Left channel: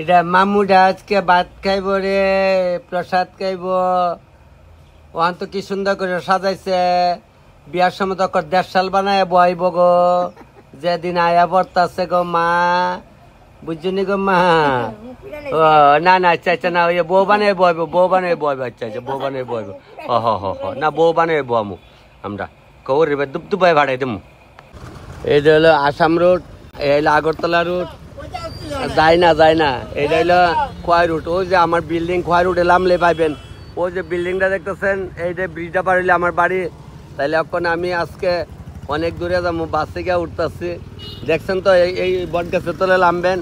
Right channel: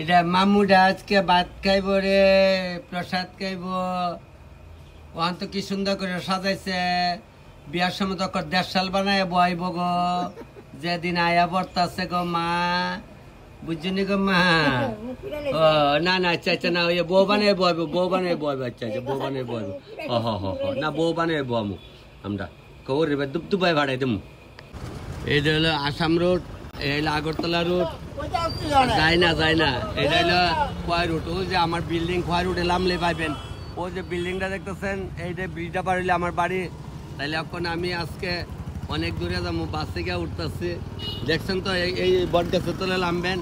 এটা মামুটা আজকে ভাত খাইব রে, প্রসাদ খাইব। ওখান তো কি সুন্দর করে সাজাইছে, বিয়ার সময় তো 1.5 সাল বানায় বইব গো। যেদিন আয়া পড়তাছে গো মা, বুঝছনি গো মা। ও না না, আচ্ছা আচ্ছা, না ওই বউ বানিয়ে বইব, বউ বানিয়ে বইব। আচ্ছা আচ্ছা, বউ বানিয়ে বইব। হ হ হ হ, না বউ বানিয়ে বমু আমরা। কৌরি দুপ দুপাই ভাড়াই দেবো। এটা হলো আসাম রোড, এই হলো আগরতলা রোড। যায় না যায় না, এটা হলো খোয়াই রুট। ওই যে আমার বিল্ডিং খোয়াই রুটে নামলে পাইবেন। ওই যে বিল্ডিংটা দেখতেছেন, এই যে ব্রিজটা পার হইলে আমার বাড়ি। তাইলে এখন আমি আজকে অনেক দূরে যাবো, বাসে গিয়ে উঠতেছি। দেখছেন তো, এই বট গাছের তলে নামবেন।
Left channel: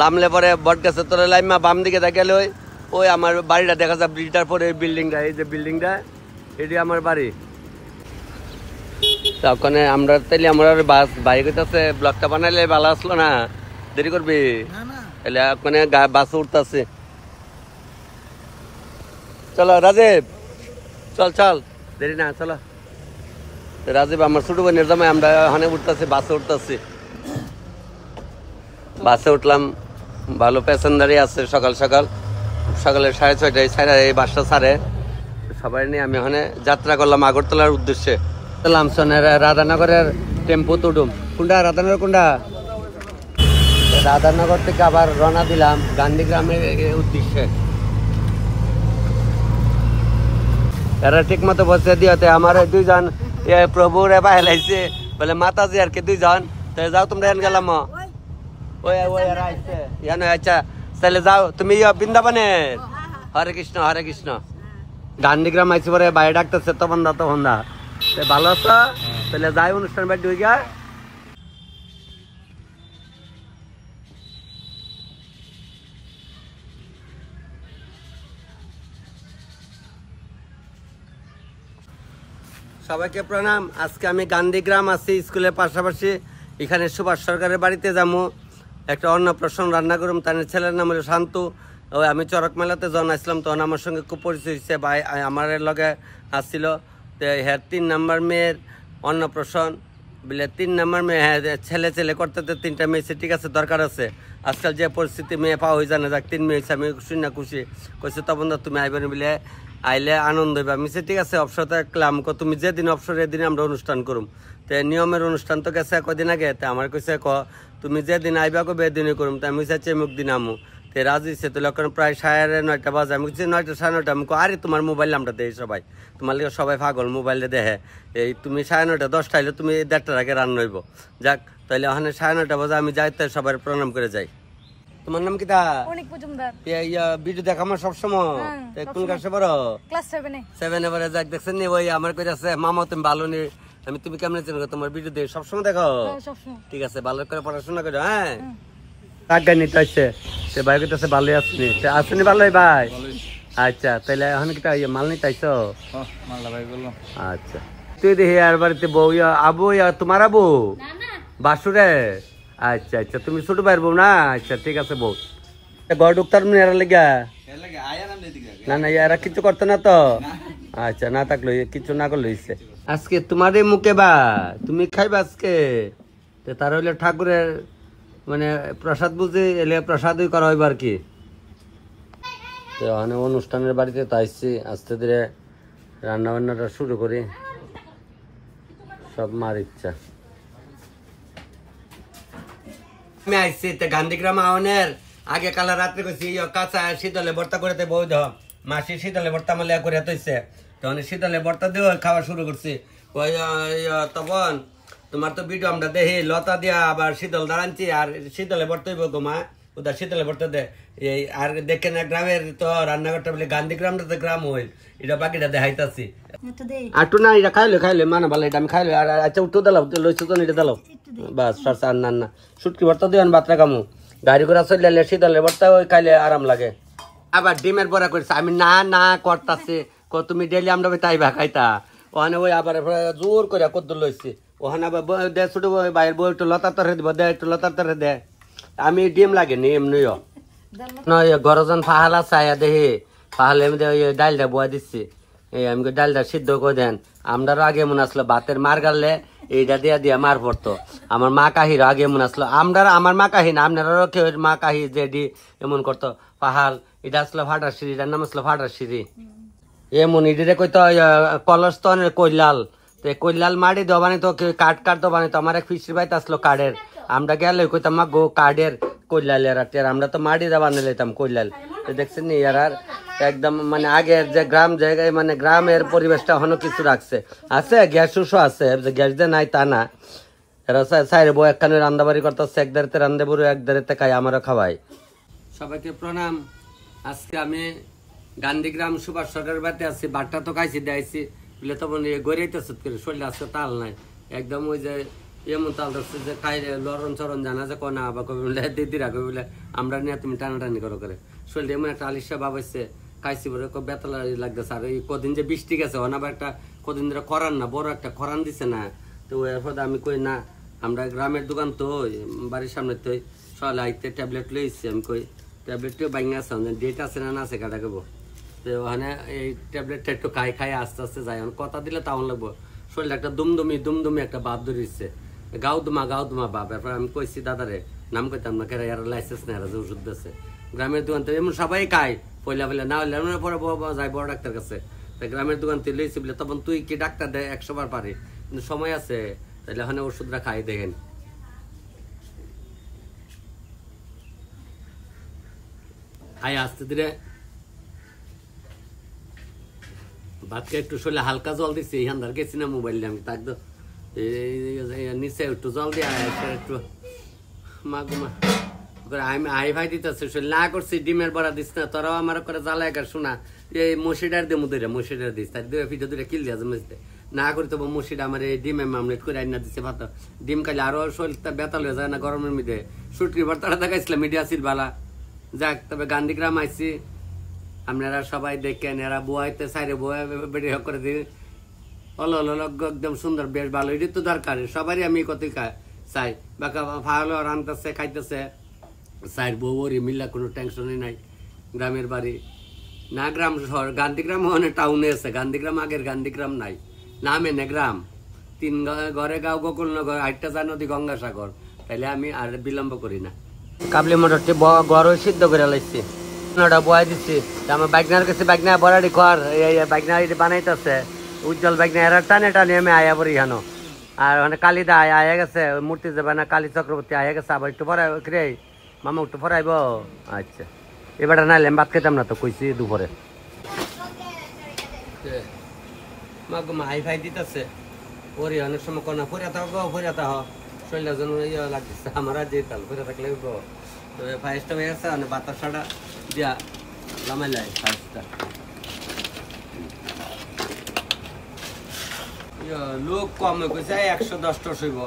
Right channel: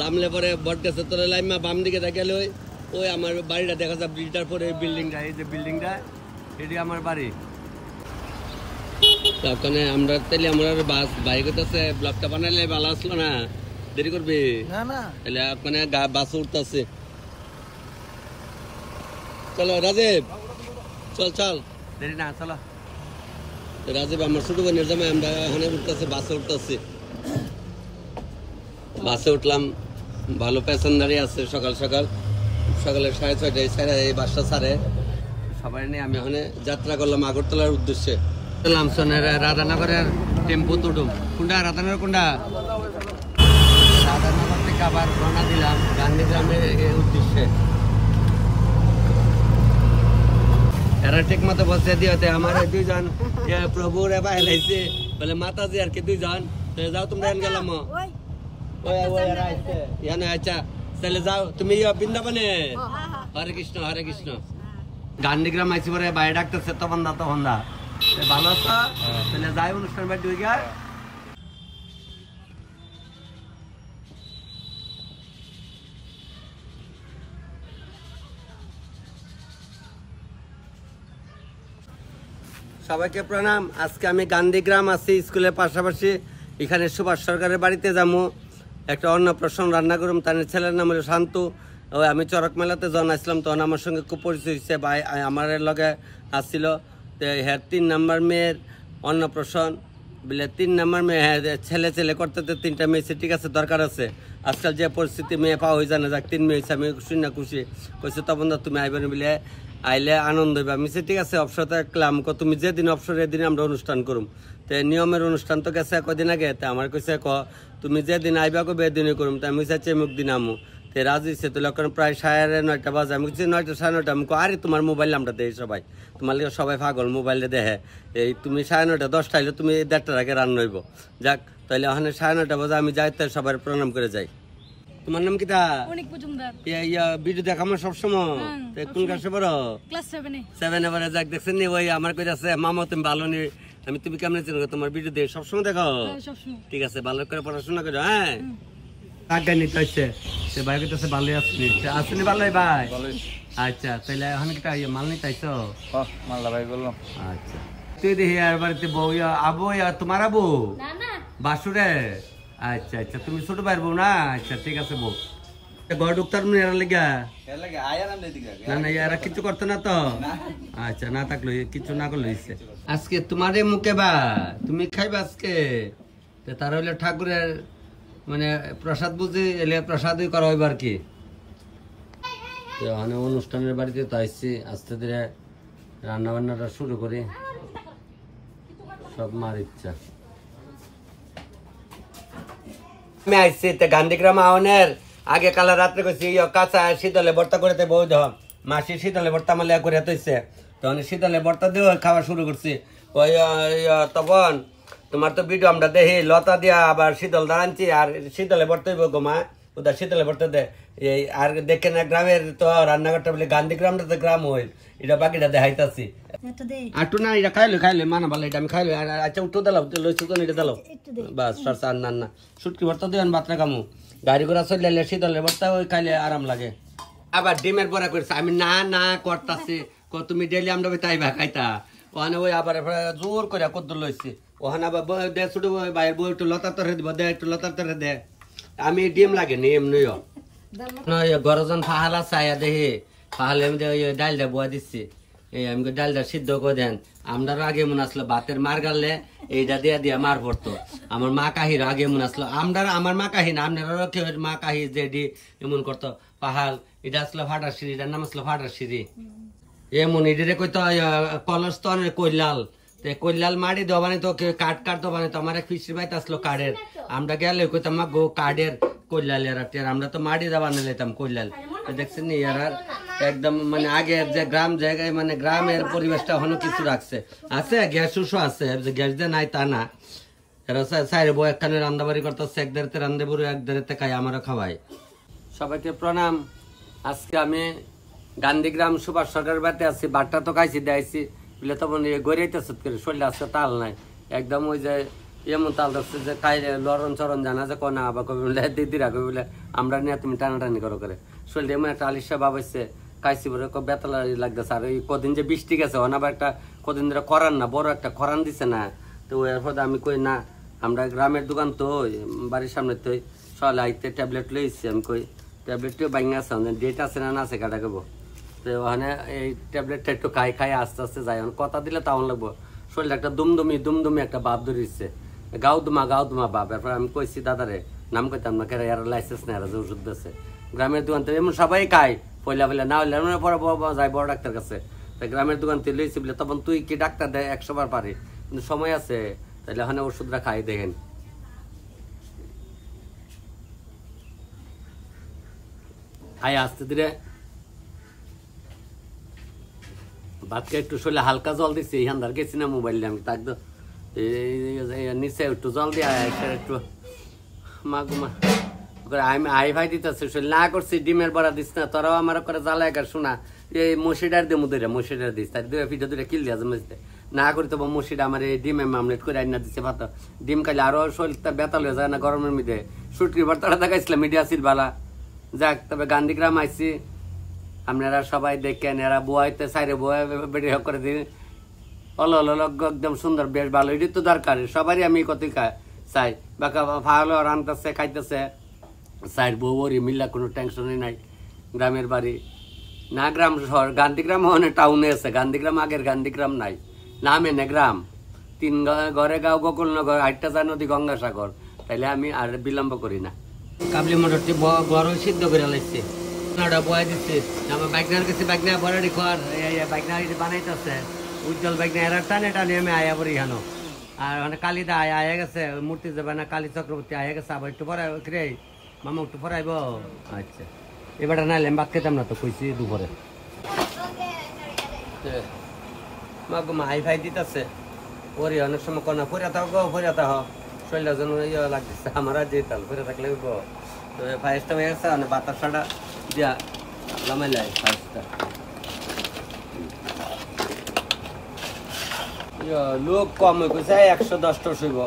নামলে পরে বট গাছের তলে লাইমা বাম দিকে দেখলে ওই আমার বাড়িটা দেখা যায় ব্রিজটার পরে। এই বিল্ডিংটা, এই যে বিল্ডিংটা, এটি আমার বাড়ি। ওখানে আমরা তাইলে আমার বাস বাইক হইতেছে, ব্লকটা বানাইলে ভালো আসলো না, দেরি করবি তাহলে ওখানে বাস উঠতেছে। চলো রাজীব, চল চল, দেরি না, চলো। রাজীব আমার ছোট বোনের জামাই, আমরা ওখানে উঠতেছি, বাসে উঠতেছি। বাসে উঠলাম, ভালো প্যাসেঞ্জারই আছে। সকাল সকাল, সকালে 6:30টায় ছাড়া, এই বাসটা ছাড়ে। সবাই নিয়ে আমি ওখানে যাত্রা করলাম আগরতলার উদ্দেশ্যে। রাধানগরের টেম্পো তুটুম। কোনটা রাধানগর, কোনটা? রাধানগর থেকে আবার রওনা দিলাম গান্ধীগ্রামের উদ্দেশ্যে। এরা ঠিক মতো বসে দিয়েতে আমার দুইজন প্রভুর বাইলাইছে, বলে মাতাজি আর কি দুইজন। যাও তোমরা এন গেলাম, ওই ওই এরা আইছে ইয়ানো। আচ্ছা তাহলে যাও তুমি বৃন্দাবনে। হরে কৃষ্ণ হরে কৃষ্ণ। গান্ধীগ্রাম আইসি পরে বাইরে ডাকতেছে, তখন দা তখন দা ভালো আছো? তাহলে যাই অনুষ্ঠান বাড়ি ঢুকে গিয়া। সবাইকে প্রণাম। আজকে আমি গান্ধীগ্রাম আছি, স্কুলের পাশাপাশি। এখানে সুভাষ সরকারের বাড়িতে যাবো, একটা অন্নপ্রাশন রান্না করুম। তার ছেলের নাম হলো শান্তু। ওই আমি চরক মেলাতে যখন আসলাম তখন আমার সঙ্গে খুব পরিচয় হচ্ছে, ভাই আমার লগে আসছিল। তো হ্যাঁ 3 নম্বর মেয়ের অন্নপ্রাশন বলে, 3 নম্বর মেয়ে, হ্যাঁ ছেলে ছেলে করতে 3টা মেয়ে, ঠিক আছে দরকার আছে। আজকাল যে পরিস্থিতি মেয়ে পাওয়া হয়ে যায় না, যাক 3 মেয়ে হয়েছে, আমি শুনে খুশি। কইছে তখন তুমি আইবেন বলে, আইলে আনন্দ হইবা। আমি ঠিক আছে অবসরতে রাখলাম, তুমি যেদিন অবসর এদিন আমরা অনুষ্ঠান করুম। তো নিয়মের অনুষ্ঠান তো গেছে কদিন আগে। তো আমার কইছে তুমি যেদিন আইবা কবে এদিনই করুম। তো আমি চাইছি মুখ দিন আমু। তো রাজি সে তো লক্ষণ প্রায় 9:30 বাজে। আমি বলছি 9টা 9:30। আমি আরে তোমার মোবাইল নামটা দেয় সবাই, তোমার লিগে সবাই পাগল মোবাইলে দেখে। এই তুমি 9:30 10টা হইলে তুমি 1:30টার আগে রান্না হইব। যাক তাহলে ওখানে 9:30 বাজে আমি যাই, তাই সবাই প্রণাম করে যাই। তোমার নাম কি? ভিডিও দেখামো সবসময়। কোন ক্লাসে পড়ো? ক্লাস 7 এ। যাক দেখছেন নি, ওই আমার কই আছে মামা তুমি ভালো নি। আমি তুমি কেমন চিনো? তোমার ভিডিও দেখে সবসময় দেখো। ঠিক আছে, ভালো করে পড়াশোনা করো। হ্যাঁ আজ্ঞা নিতে আসছে সে ভাই কাছে ভালো আসনি, আসনি ভালোই ভাই। আচ্ছা তাহলে এখন কি মাল নিতে আইসো? মালদা ভাই বললাম। আচ্ছা তুই দেখি আর বাড়িতে বউ আবু, তোমার আবু বাসুরে? আচ্ছা আচ্ছা, তুমি ছোট ভাইয়ের বউ না? আচ্ছা ঠিক আছে বউ। ঘর ঢুকতার এরা লেগা? না না, এরা কিছু করতো না তো? আচ্ছা না থাকলো, কিছু না করলো ইচ্ছে। আজকে তোমার মুখে বা তুমি খাইবা আজকে? তার হইলে ঠাকুরের মানে প্রসাদ বুঝে এলে প্রসাদই করা হইব আর কি। অনুষ্ঠানের বাড়িতে তো আসছি, আস্তে ধীরে রান্না বান্নাটা শুরু করি। সব মার ইচ্ছা। আমি আসছি গান্ধীগ্রাম আওনের আগে কালা রাত্রে কইছি কাঁচা শীতলে ভর্তা করে বউ ধ মাসি শীতলে ভর্তা মালে করে হইছে। তখন শীতলে ভর্তা দিয়ে খাওয়া শুরু করছি। ওই তখন তোমার তো ভিডিও আমরা দেখি লতা দিয়া আবার শীতল দাঁড়াচ্ছি, আর শীতলে ভর্তা হইব গোমা ওদের শীতলে ভর্তা দে। এই আর দেখে না গ্রামের তো রান্নাঘরটা বলে গান্ধীগ্রামটা তো গ্রাম হইল, এটা বাকিটা দেখাইতাছি। আটু না এটা খাইলে খাইলে মানে ভালো, এটা আমি খাইলে। আর আচ্ছা উঠো দিলাম, লইছো তো এটা দিলাম বাস। আর না না সুটকি ভর্তা দিবেন, বাতরা কামু গাড়ি ঘোড়া চললে শীতলে ভর্তা ওই খাইলে আরাম লাগে। আবার ডিমের বড়া করেছে, আমি না না করতাছি। তুমি ডেলি আমরা তাই ভা খাইতা। ওখানে ওই আবার জোর করে কদ্দুর লইছি। ওখানে আবার দে ছোট বাইরের বউ একটু লতার তরে দিব, দে একটু লতার তরে দে। আমি ডিম লাগে নি এমনিও নয়। গরজন ফাহালা চাইয়া দেখি, ফাহালে আমি ডাইলটা বয়া দিচ্ছি। এই আমি ডালটা সিদ্ধ করে দেন। আমরারও আগে মনে আসলো ভাতের মার গাড়লে এইটা দিয়া দিয়া মার পড়তো। আমার মা কাহির আগে মনে আসলো আমার মা কাহি না আপনারাও কেউ মা কাহি যে এমন করতো। পাহাল এটা আসলো ফাটার সিঁড়ি, এটার নাম আসলো ফাটার সিঁড়ি। এমন ইডিরে কইতো কলস তো কৈলাল, কৈলাল মাটি দেওয়া বানাইতো, কাঠ দেওয়া বানাইতো। আমার এক ফিসির বাড়িতে আসলো কাঠের, আমরা গেলে কইতাম মা গো কাঠের কৈলাল এরা, আমরা তো মাটি দেওয়া বানিয়ে লাইতাম কৈলাল। দেখছেন নি এরা একদম মানে আগের যে গ্রাম জায়গায় মানে গ্রামের পরিবেশটা এখনো কিছু রাখছে। আছে গ্যাস উসও আছে, গ্যাস দিয়ে নাই তা না। এরা সাইরে বউ একখানে রান্দাবাড়ি করতেছে, এক দাঁড়িতে রান্ধে বড় এক দাঁড়িতে খাই, আমারও খাওয়াই। সবাইকে প্রণাম। আজকে আমি গান্ধীগ্রাম সুভাষ সরকারের বাড়িতে আছি। বাটটা তো খাইছি দেয়াইছি বলে তখন গড়িয়েছে করে শরীরে আজকে তাল নাই একদম। ওই যে এমন তাল ধরছে যে খাই লড়ন চরণ জানা যে কনা আবার কবি বলে দিদিরা কবি বলে আমরা নিয়ে তুমি টানাটানি করো করে শরীরে এমন একটা আলিশা ভাব হয়েছে। খাইছি বলে বেতলা লাগতেছে। আর ওই কদিন যে বৃষ্টি গেছে অনাবার একটা কদিন ধরে করান না, বড় একটা করান দিছে না। তো এরপর আমি কই না, আমরা গ্রামের দোকান তো বাড়ির সামনে তো সকালে আইতে ট্যাবলেট লইছি। আমি কই ট্যাবলেটটিও বাইঙ্গা আছে, ডেট আছে না আছে কাটা খাবো। তো ওখানে এই ট্যাবলেটটা একটু খাই আস্তে আস্তে যাই। কথা দিলে তাও লাগবো। শরীরটা একটা দুমদুমি একটা ভাব ধরিচ্ছে, গাও দুমা ভাব। এরপর আমি কইছি দাদারে, নাম কইতাম না কেরা, এরা লাইসেন্স নেই, এরা যে ওষুধ দিচ্ছে গ্রামের দোকান থেকে। এমন সবাই খায় পয়লা না হলে পরে যায় বড় ডাক্তার কাছে। গ্রামের দোকান থেকে লইছি বলে তখন তুই কি ডাক্তার দেয় 100 বার পারি, কিন্তু সময় আছে তাহলে ওখানে ওষুধটা খাই দেখেন। খাই আস্তে ধীরে ভাতকে একটু শরীরে হালকা জল দিচ্ছি। এই হান্দার গেছি না মোবাইল দিয়ে, আমি তাক তো নিচে একটু জল দিয়ে একটু মা গুমা আমি আই ভাই দিতেছে শরীর না করছি। ডিমের বড়া দিস না, তোরাও আমার করে জ্বালা একার শোনা এই মসিডার দিয়ে মুদে মসিডার দিস, তার দুই ফিটা দুটা কিল দিয়া জমেছে না করি তো মসিডা আমার এই ডিমের মামলেট করে আইনা দিচ্ছে ভাত। ডিম খাইলে আরো শরীরটা বেতাল হয়ে যায় না গরমের মধ্যে। সুটকি ভর্তাটা দেখাইছিলাম মিডিয়া ছিল বালা। যাক, তবে গান্ধীগ্রাম আইসি, আপনারা সবাই দেখেন। এরা বোয়াইতে সাইরে বোয়া বেড়ে করে দিন একদম সুন্দর, বেশ ভালো। এটি তো দরকার সবারই। আমি কত চাই বাকা ভালো রানতেছে খাইতেছে সাইড বউরি মিল্লা, কোনো টেনশনই নাই। গ্রামের বাড়ি না, গ্রাম শহর। গান্ধীগ্রাম অনেক টাউনে আছে, গান্ধীগ্রাম আগের গান্ধীগ্রাম নাই, নামে না গ্রাম। 3 ঘরে গাঁও গোকুলনগর, 8টা যা নদী গঙ্গাসাগর। তাইলে আমি আর বিলম্ব করি না। কাবলি মোটরটি গড় সিদ্ধ করে লাইছি, ওটা বয়া দিচ্ছি। আমার বাইকনার কাছে বাইকনা বড়াটি খর বাইকনা বানাইতেছে উজ্জ্বল বাইকনা। এরা টানে আমি আয়া পড়ি এখানো। আর মানে কালিদা আয়া গেছে, মূর্তি যাবে না, কালী চক্রবর্তী আয়া গেছে। আবার একটু পরে রে মামা একটু পরাইব। আচ্ছা, এবার নাইলে ভাত খেতাম না তো, কইছি দুপুরে। মা গো মা হাই ফাই দিতেছে ওরে অনেক সময় কনা ফরিয়া থাক গো, ফরিয়া থাক শরীরটা যেন ইয়ে লাগতেছে আমার। আর যেতাম ফরিয়া থাকলে গো তো ফাইসটা হয়ে গেছে, মানে বাতাসাটা দিয়া লামাইলাই ফাইসটা। লোক কম হয়ে গেছে, 110টা হইব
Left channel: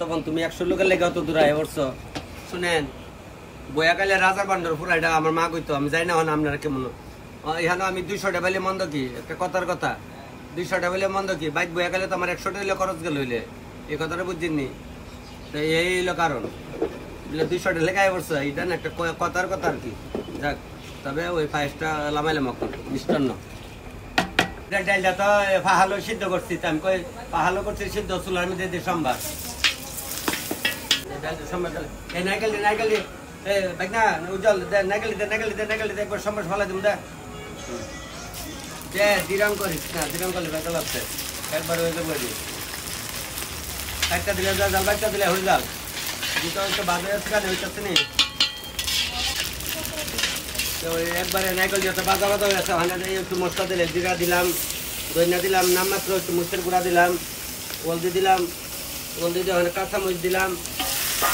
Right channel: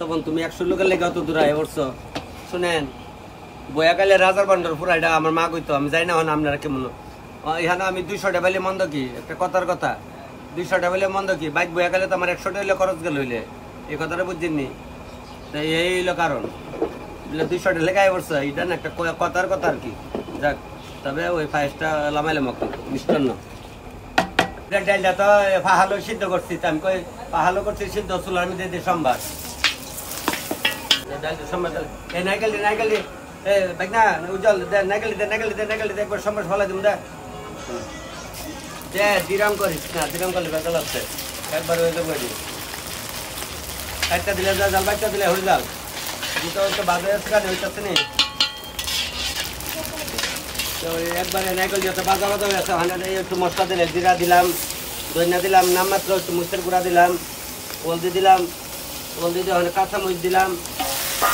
তখন। তুমি 100 লোকের লেগে অত দূর আয় পড়ছো। শুনেন, বয়াকালে রাজার বান্ডর পুরাইটা আমার মা কইতো, আমি যাই না আপনারা কেমন। এখানে আমি 200টা পাইলে মন্দ কি, একটা কথার কথা 200টা পাইলে মন্দ কি। বাইক বয়াকালে তো আমার 100টা হইলে খরচ গেল হইলে, এই কথাটা বুঝছেননি। তো এই হইলো কারণ, 200টা লেগে আয় পড়ছো, এটা না একটা কথার কথা আর কি। যাক, তবে ওই ফাইসটা লামাইলাম মিষ্টান্ন। ডাইলটা তো পাহালো সিদ্ধ করছি, আমি কই পাহালো করছি সিদ্ধ চুলার মধ্যে দিয়ে সম্বার। নাইকালি না উজ্জ্বল নাইকালি একবার সম্বার ফলা দিব দে দিরাম করিস না, দিরাম করলে বেতল আসছে একবার হয়ে যাবো। একটা দিলে জাল, বাইকটা দিলে হয়ে যাল, দুটো তো বাজে হইতেছে নি। তো একবারে নাইকল দিয়ে বাজা বাজা হয়ে আছে। ওখানে একটু মশলা দিলে জিরা দিলাম, ধনিয়া দিলাম, নামমাত্র একটু মুসের গুঁড়া দিলাম, হলদি দিলাম, হলদি দিয়ে ওখানে কাঁচামরিচ দিলাম,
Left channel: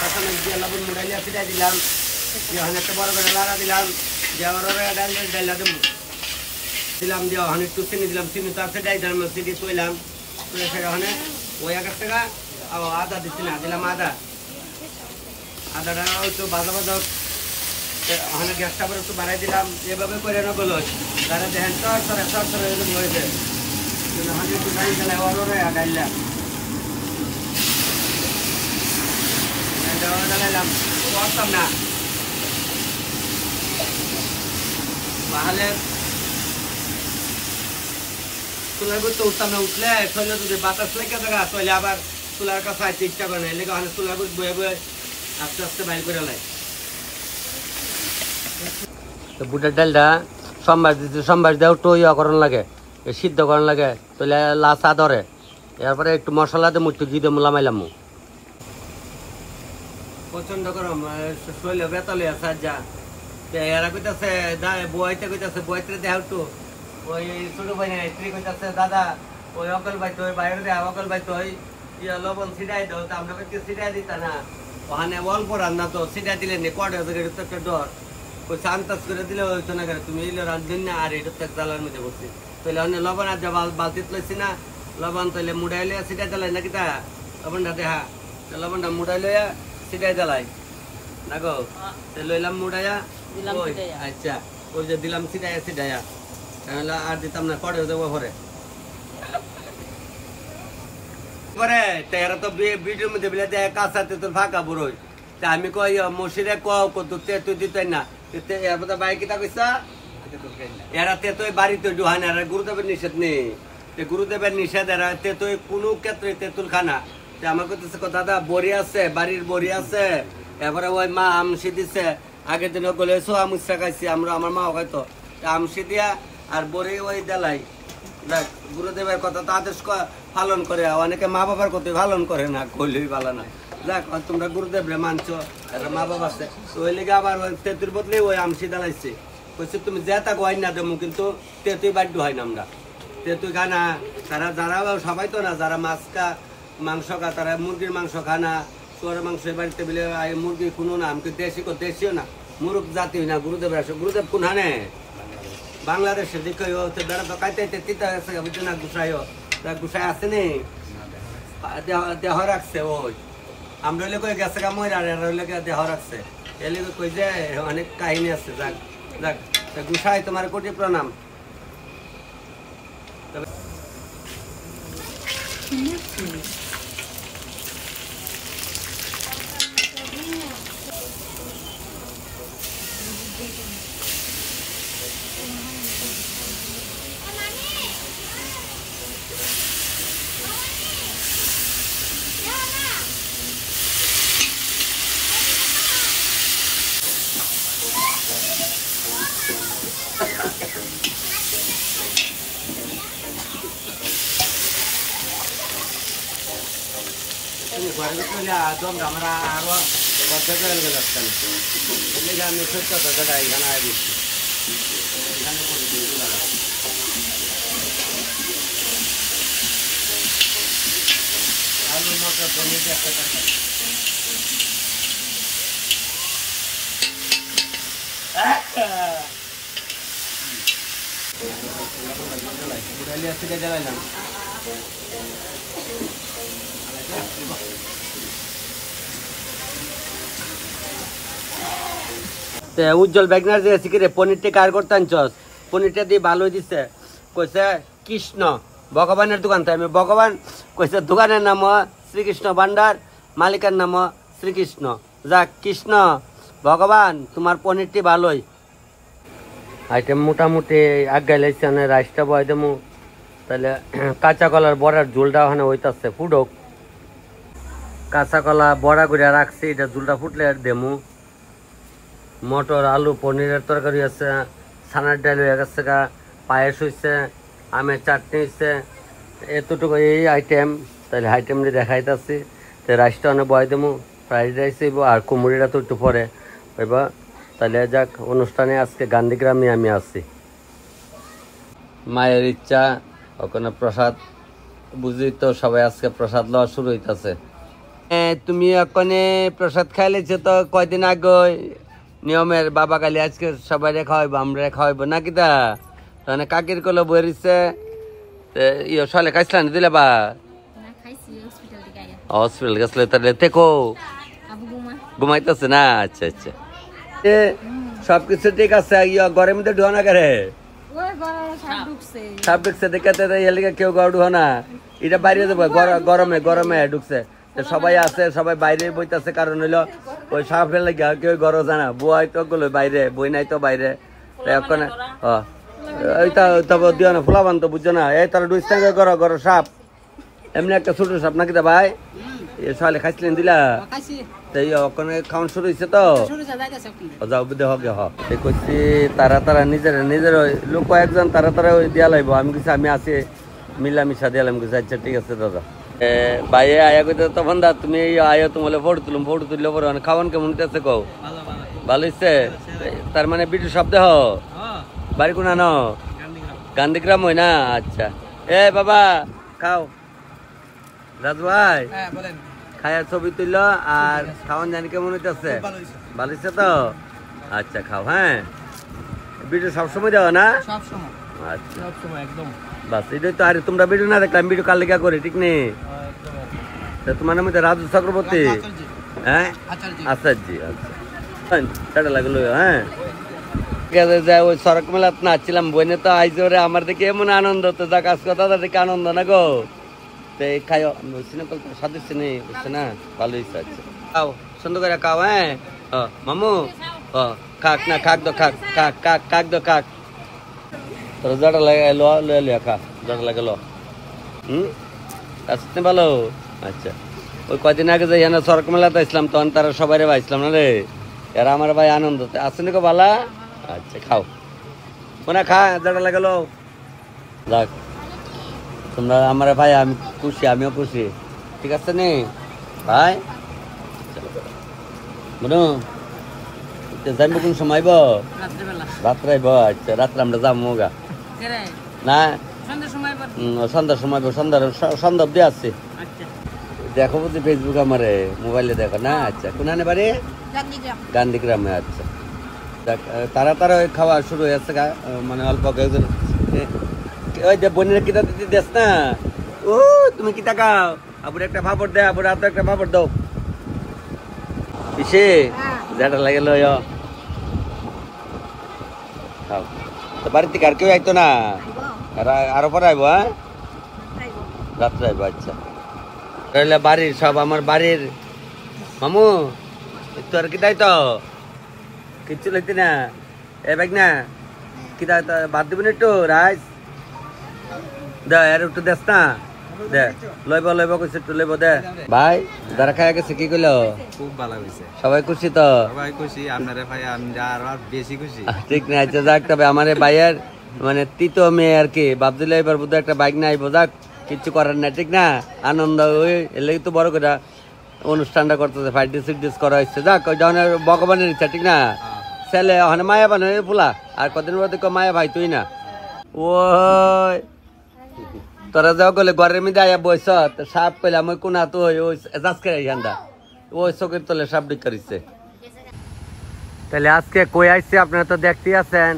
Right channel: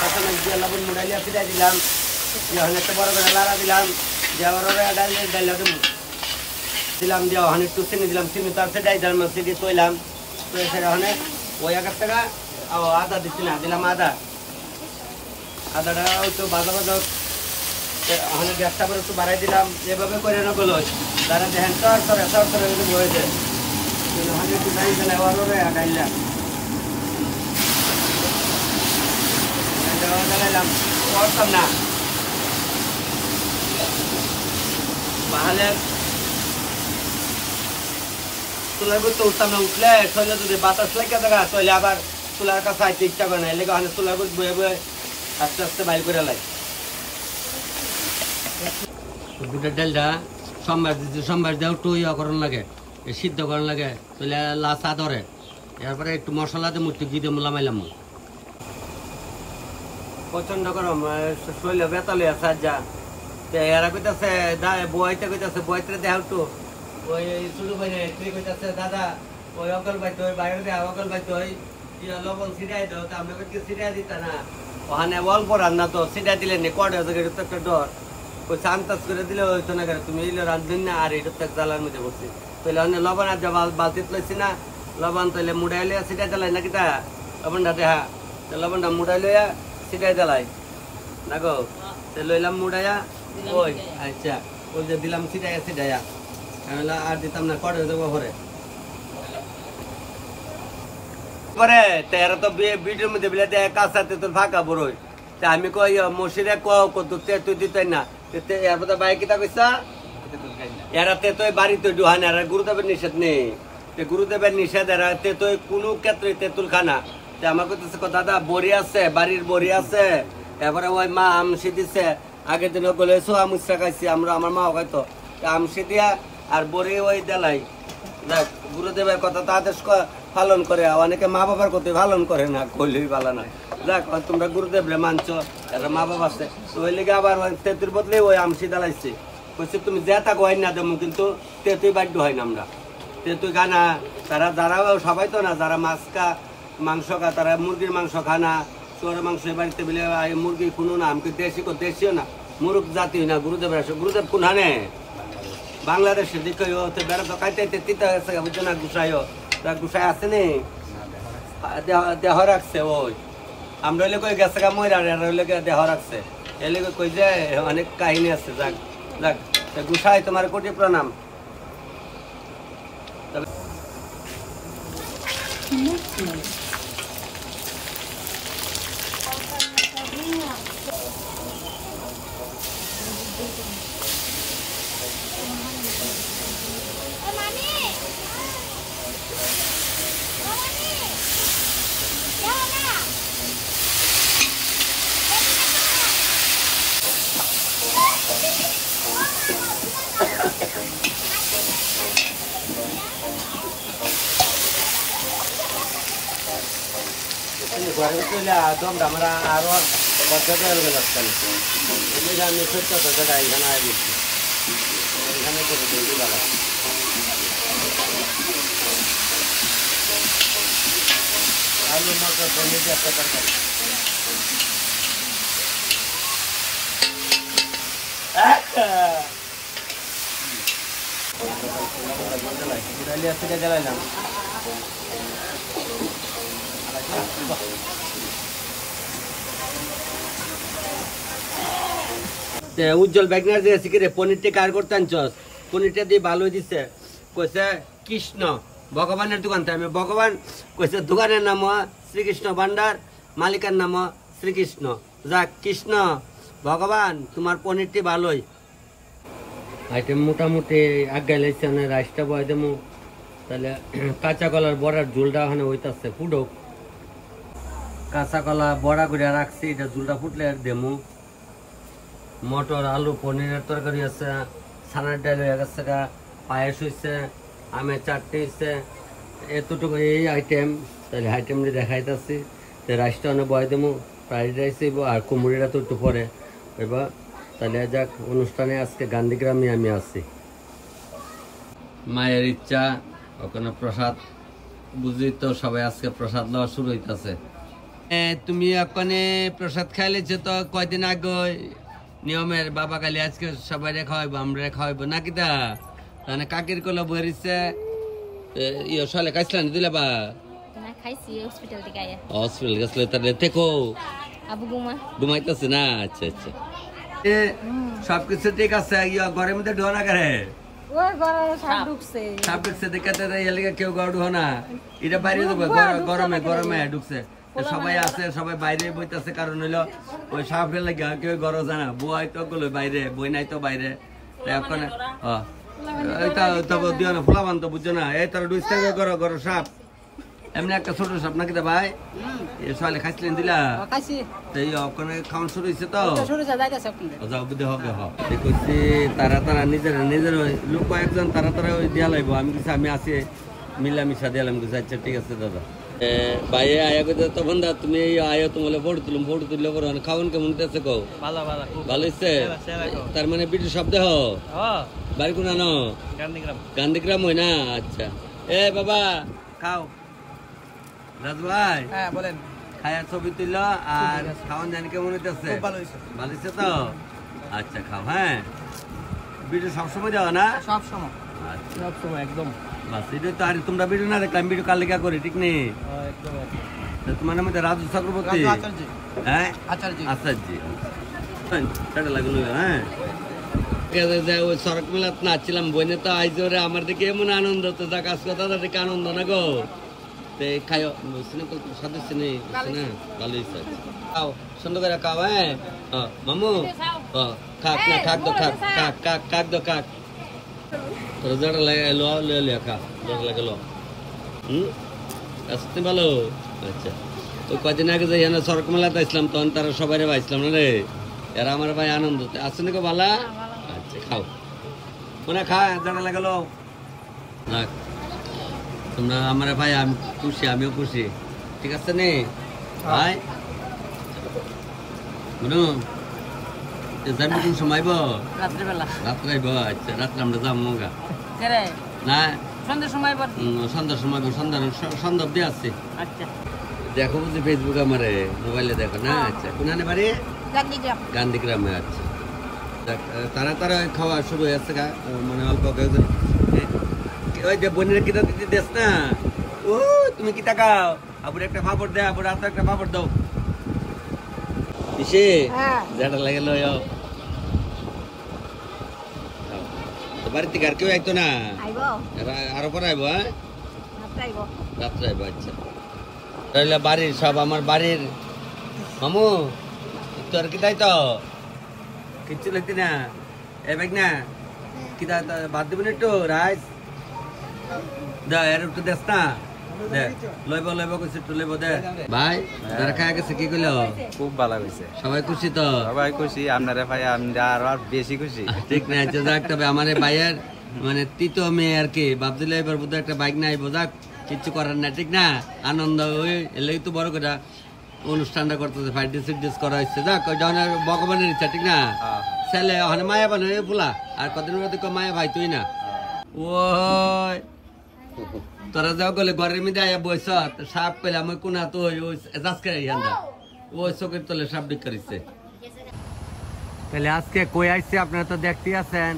কাঁচামরিচ দিয়ে লবণ মুড়াইয়া ফিরাই দিলাম, ওখানে একটা বড় করে লাড়া দিলাম, দিয়ে আবার ডাইলা দিলাম, দিয়ে ওখানে একটু চিনি দিলাম, চিনি তার সেটাই দিলাম, চিনি তৈলাম। তো ওখানে ওই 1 টাকা আদা দিচ্ছি না, দিলাম আদাটা একটু বাজা বাজা। ওখানে গ্যাসটা আবার একটু বাড়াই দিলাম, এভাবে করে নকল যারা দেখেন চর হয়েছে। একটু ডাইল গেলে ডাইলা ডালাইলাম, করতাম না তাহলে চুলার উপর তো উঠতাম না, উঠলে শরীরে যদি বাতাস লেগে থাকা তাহলে আবার চুলার কাছে আইতে ইচ্ছা করে না, এলে চুলার উপর বয়ে বয়ে আস্তে আস্তে বাইর করে লাই। বুটের ডালটা সোমবার দেও একটু ইয়া করন লাগে, সিদ্ধ করন লাগে, তাহলে লাচা ধরে। এরপরে একটু মশলা দিয়ে একটু ঘি দিয়ে লামাইলাম। প্রচন্ড গরম, শরীরে বেতালে আছে যা। এরা কইতাছে বইতে কইতাছে বইতে দেহ একটু ওই শুরু ভাই স্ত্রী কইতাছে দাদা ওই অকল ভাই তো বাইরে দেয় অকল ভাই তো লবণ ছিটাই দাও, তা আমরা কেউ ছিটাই দিতা না, ওখানে অল্প রান্না তো ছিটাই দিলে নি কড়ে তো একটা ডর, ওই চান্তাস করে দিলে হইতো না, তুমি এলে রাঁধবেন না আর এটা তো জ্বালার মধ্যে বসছি, তাহলে অনেক লবণ আর যা বালতিত লইছি না লবণ, তাহলে মুড়াই লইয়া ছিটাই জ্বালাই নাকি তা লবণটা দেখা, লবণটা মুড়াই লইয়া ছিটাই জ্বালাই না গো, লইলাম মুড়াইয়া ওই আচ্ছা ওই যে দিলাম ছিটাইয়া ছিটাইয়া আর দিতাম না কড়ে দেবো পরে পরে তেরা তো ভিডিওর মধ্যে বিলে দেয় কাঁচাতে তোর ফাঁকা বড়ই, তা আমি কই মসিরে কত তুই দিতেন না, এরপর বাইক কিতা কইসা এরা তেতই বাড়িতে ডুহান, আর গুরুদেবের নিষেধ নেই, গুরুদেবের নিষেধ এরা তেতই কোনো ক্ষেত্রে তেঁতুল খানা। আমার কইতেছে দাদা বড়ি আছে, বাড়ির বড়ি আছে, এরপরে ওই মা আমসি দিছে, আগের দিন গলে সোয়া মুচা খাইছি আমরা, আমার মাও খাইতো আমসি দিয়া আর বড়ি ওই দেলাই। দেখ গুরুদেবের কথা তো আদেশ পালন করে, অনেকে মা বাবার কথা পালন করে না, কইলেই ভালো না। দেখ তোমরা গুরুদেব রে মানছো, একটা মা বাবা আছে, তো ওই লিগে আবার তেঁতুর বদলে ওই আমসি দেলাইছে, বলছে তুমি যে তা গোয়াই না দেবো কিন্তু তেঁতুই বাধ্য হয় না আমরা, তেঁতুই খানা তারা যারা সবাই তো না, যারা মাংস খা তারা মুরগির মাংস খানা, শুয়ারের মাংস বাড়িতে বিলে মুরগি কোনো না, আমি দেশিও না, মুরগ জাতি না, গুরুদেব আসে, গুরুদেব কোন হানে বাংলাদেশের দিকে বেড়া কাইতে তিতা গেছে বুঝছো না, গুসাই আছে নি দেহ রাখছে, ওই আমরা হইলে কই গেছে গা ময়রা হইলে দেহ রাখছে, এলে কই যে অনেক কাহিনী আছে। যাক যাক গুসাই তোমার কোটি প্রণাম। ঘরে চলে দমটা আমরা আরো যাচ্ছেন, আমি সত্য কথাটা এখানে দিচ্ছি, এখানে করে দিই দাদা। আলু মটর পনির একটা তরকারি জ্বালাইলাম। উজ্জ্বল ব্যাগনার যে শিখে পনিরটা কার করতে আনছস, পনিরটা দিয়ে ভালো দিছে, কইছে কৃষ্ণ ভগবানের দোকান, তাই আমি ভগবান কইছে দোকানের নাম শ্রীকৃষ্ণ ভান্ডার, মালিকের নাম শ্রীকৃষ্ণ। যাক কৃষ্ণ ভগবান তোমার পনিরটি ভালোই। আইটেম মোটামুটি আগাই লাইছে, রাইসটা বয় দেবো, তাহলে কাঁচা কলার বড়ার ঝোলটা ওখানে হইতাছে ফুটক, কাঁচা কলা বড়া করে রাখছি, এটা ঝোলটা ফুটলে আর দেমু। মটর আলু পনিরের তরকারি আছে, ছানার ডাল হয়ে গেছে, পায়েস হয়েছে, আমের চাটনি হয়েছে, এতটুকু এই আইটেম। তাহলে আইটেমটি দেখাইতেছি, রাইসটা অনেক বয় দেবো, ফ্রাইড রাইস হইব আর কুমড়িটা তো একটু পরে হইব। তাহলে যাক অনুষ্ঠানে আজকে গান্ধীগ্রামে আমি আছি, মায়ের ইচ্ছা ওখানে প্রসাদ বুঝলি তো, সবাই আজকে প্রসাদ লওয়া শুরু হইতেছে। তুমি ওখানে প্রসাদ খাইলেছো তো কয়দিন আগে নিয়মের বাবা কালি আজকে সবাই খাওয়াইবো, আমরা খাওয়াইবো নাকি তা, তাহলে কাকির কলে বইছে ইয়ে সলে খাইছিলাম দিলে বা হসপিটাল গেছিল, তাহলে দেখো ঘুমাইতেছে না। আচ্ছা আচ্ছা সবকিছু ঠিক আছে, ঘরের মধ্যে ঢুয়া না করে সাপ ঢুকছে দেখাতে কেউ ঘর ঢুয়া না, এটা বাইরে দেবো গরমে গরমে ঢুকছে, সবাই আছে সবাই বাইরে বইতেছে, কারণ হইলো ওই সাপের লাগে কেউ ঘর জানা, বুয়াই তো গেলো বাইরে, বই নাই তো বাইরে, এইটা তারপর দিও না ফোলাবান তো বুঝছো না এই তারা ডুইস টাঙ্গে করো করো সাপ এমনি একটা ছোট সাপ নাকি তা ভাই এ সালে খাইছিলেন দিলা তাই ওখানে খাওয়ান শুরু হয়েছে তো যাও বুঝে হবে করছি তারা নিজের লোক কয়েকজন তারা ওই দিয়া লাগবো আমি কিছু আমি আছি মিলামিশা দিলাম কিছু আচ্ছা ঠিক আছে দাদা ভাই আয়া কইতে তখন দা তুমি আয়া তোমালে ফটো তুললে পরে খাওয়ান কেমন হইতেছে কও ভালো হইছে তার মানে বিটু শব্দ হ বাড়ি কোনা ন গান্ধীগ্রাম হই না আচ্ছা এ বাবা খাও রাজু ভাই খায়া ছবি তুলল আর খাওয়ান জানি কেমন হইতেছে ভালো হইছে তো আচ্ছা খাও হ্যাঁ ভিডিও সবসময় যাও না সবসময় আচ্ছা সবসময় একদম বাস এটাই তো। আরে তোমরা ভিডিও না দেখলাম ভিডিও কাল লেখা করে ঠিক নেই তোমার নাম রাজু চক্রবর্তী হ্যাঁ আচার্য আচ্ছা লাগলো হ্যাঁ ওই সড়ক মেলাত নাচছিলাম বইনে তো আইসে ওরে আমার দেখে এমন আনন্দ তো যা কাজ কথা দেখে আনন্দ না গো খাই সদস্য নেই না ভালো ইচ্ছা আছে খাও সুন্দর করে খাও হ্যাঁ মামু খাক না খাক দো খাক খাক খাক খাক দো খাক তোর জটা লাগে লো খা জটা লাগে লো আসতে ভালো আচ্ছা ওই কদিন আগে যাই না সড়ক মেলাতে আসলাম তখন তারা সবাই পাইছিলাম না রে এরা আমার ভাই আনন্দ আসেনি কো বালা আচ্ছা খাও কোনা খা জটা লাগে লো যাক তোমরা আমার ভাই আমি খুশি আমিও খুশি ঠিক আছে নে ভাই বুঝুন যাইব কোন সময় রাত্রে আইব আচ্ছা রাত্রে আমরা যাবো গা না সন্ধ্যার সময় সন্ধ্যা অব্দি আসছে দেখো বুঝি ফেসবুক আমার মোবাইলে দেখো না আচ্ছা কোনখানে বাড়ি গান্ধীগ্রামে আচ্ছা তারা খাওয়া শুরু হয়েছে মানে অল্প কয়েকজন ওই যে বোনের কিতা দিতে দেস না ও তুমি কিতা খাও আবার একটা পাপড় দে আবার হাতে একটা পাপড় দাও কিসে যেটা লাগে লো তো বাড়িতে আর কেউ আইতো না আরো পরে আইবো হ্যাঁ রাত্রে আইবো আচ্ছা তাহলে বাড়ির সব আমার বাড়ির মামু তোর কিতাই তো কিচ্ছু লাগতি না এ ব্যাগ না কিতা বাদ দিবেন একটু রাইস দে আর একটু দেস না দে লইব কইছে একটু লইব দে ভাই যারা খায়া গেছে কি কইলো খুব ভালো হইছে সবাই খুশি তো সবাই খুশি আপনারে ভাই আমরা আর বেশি খুশি ঠিক না আচ্ছা যাক তবে আমারে ভাইয়ের মানে তৃতীয় মেয়ে আর কি ভাবছিলাম এবার বোধ একটা বাইক না আইবো যাক কিচ্ছু করার না ঠিক না আনন্দ ওই এলে তো বড় করে অনুষ্ঠানটা করতেছে ফাইট ডিস করা হচ্ছে যাক ওই ধরনের ভগবানের ইচ্ছা ঠিক না ছেলে ওখানে মায়া বানো ফুলা আর কদিন পর দেখো মায়া ভাই তুই না ওই তোরা যাও গেলে ঘরের মধ্যে আয়া বইস সাপ কইলাম ওই কোনা তো ওই যাচকে ইয়ান্দা ওই চোখের তলে সাপ ডিক করিছে তাহলে আজকে কই আইছে আপনারা তো দেখতেই আছেন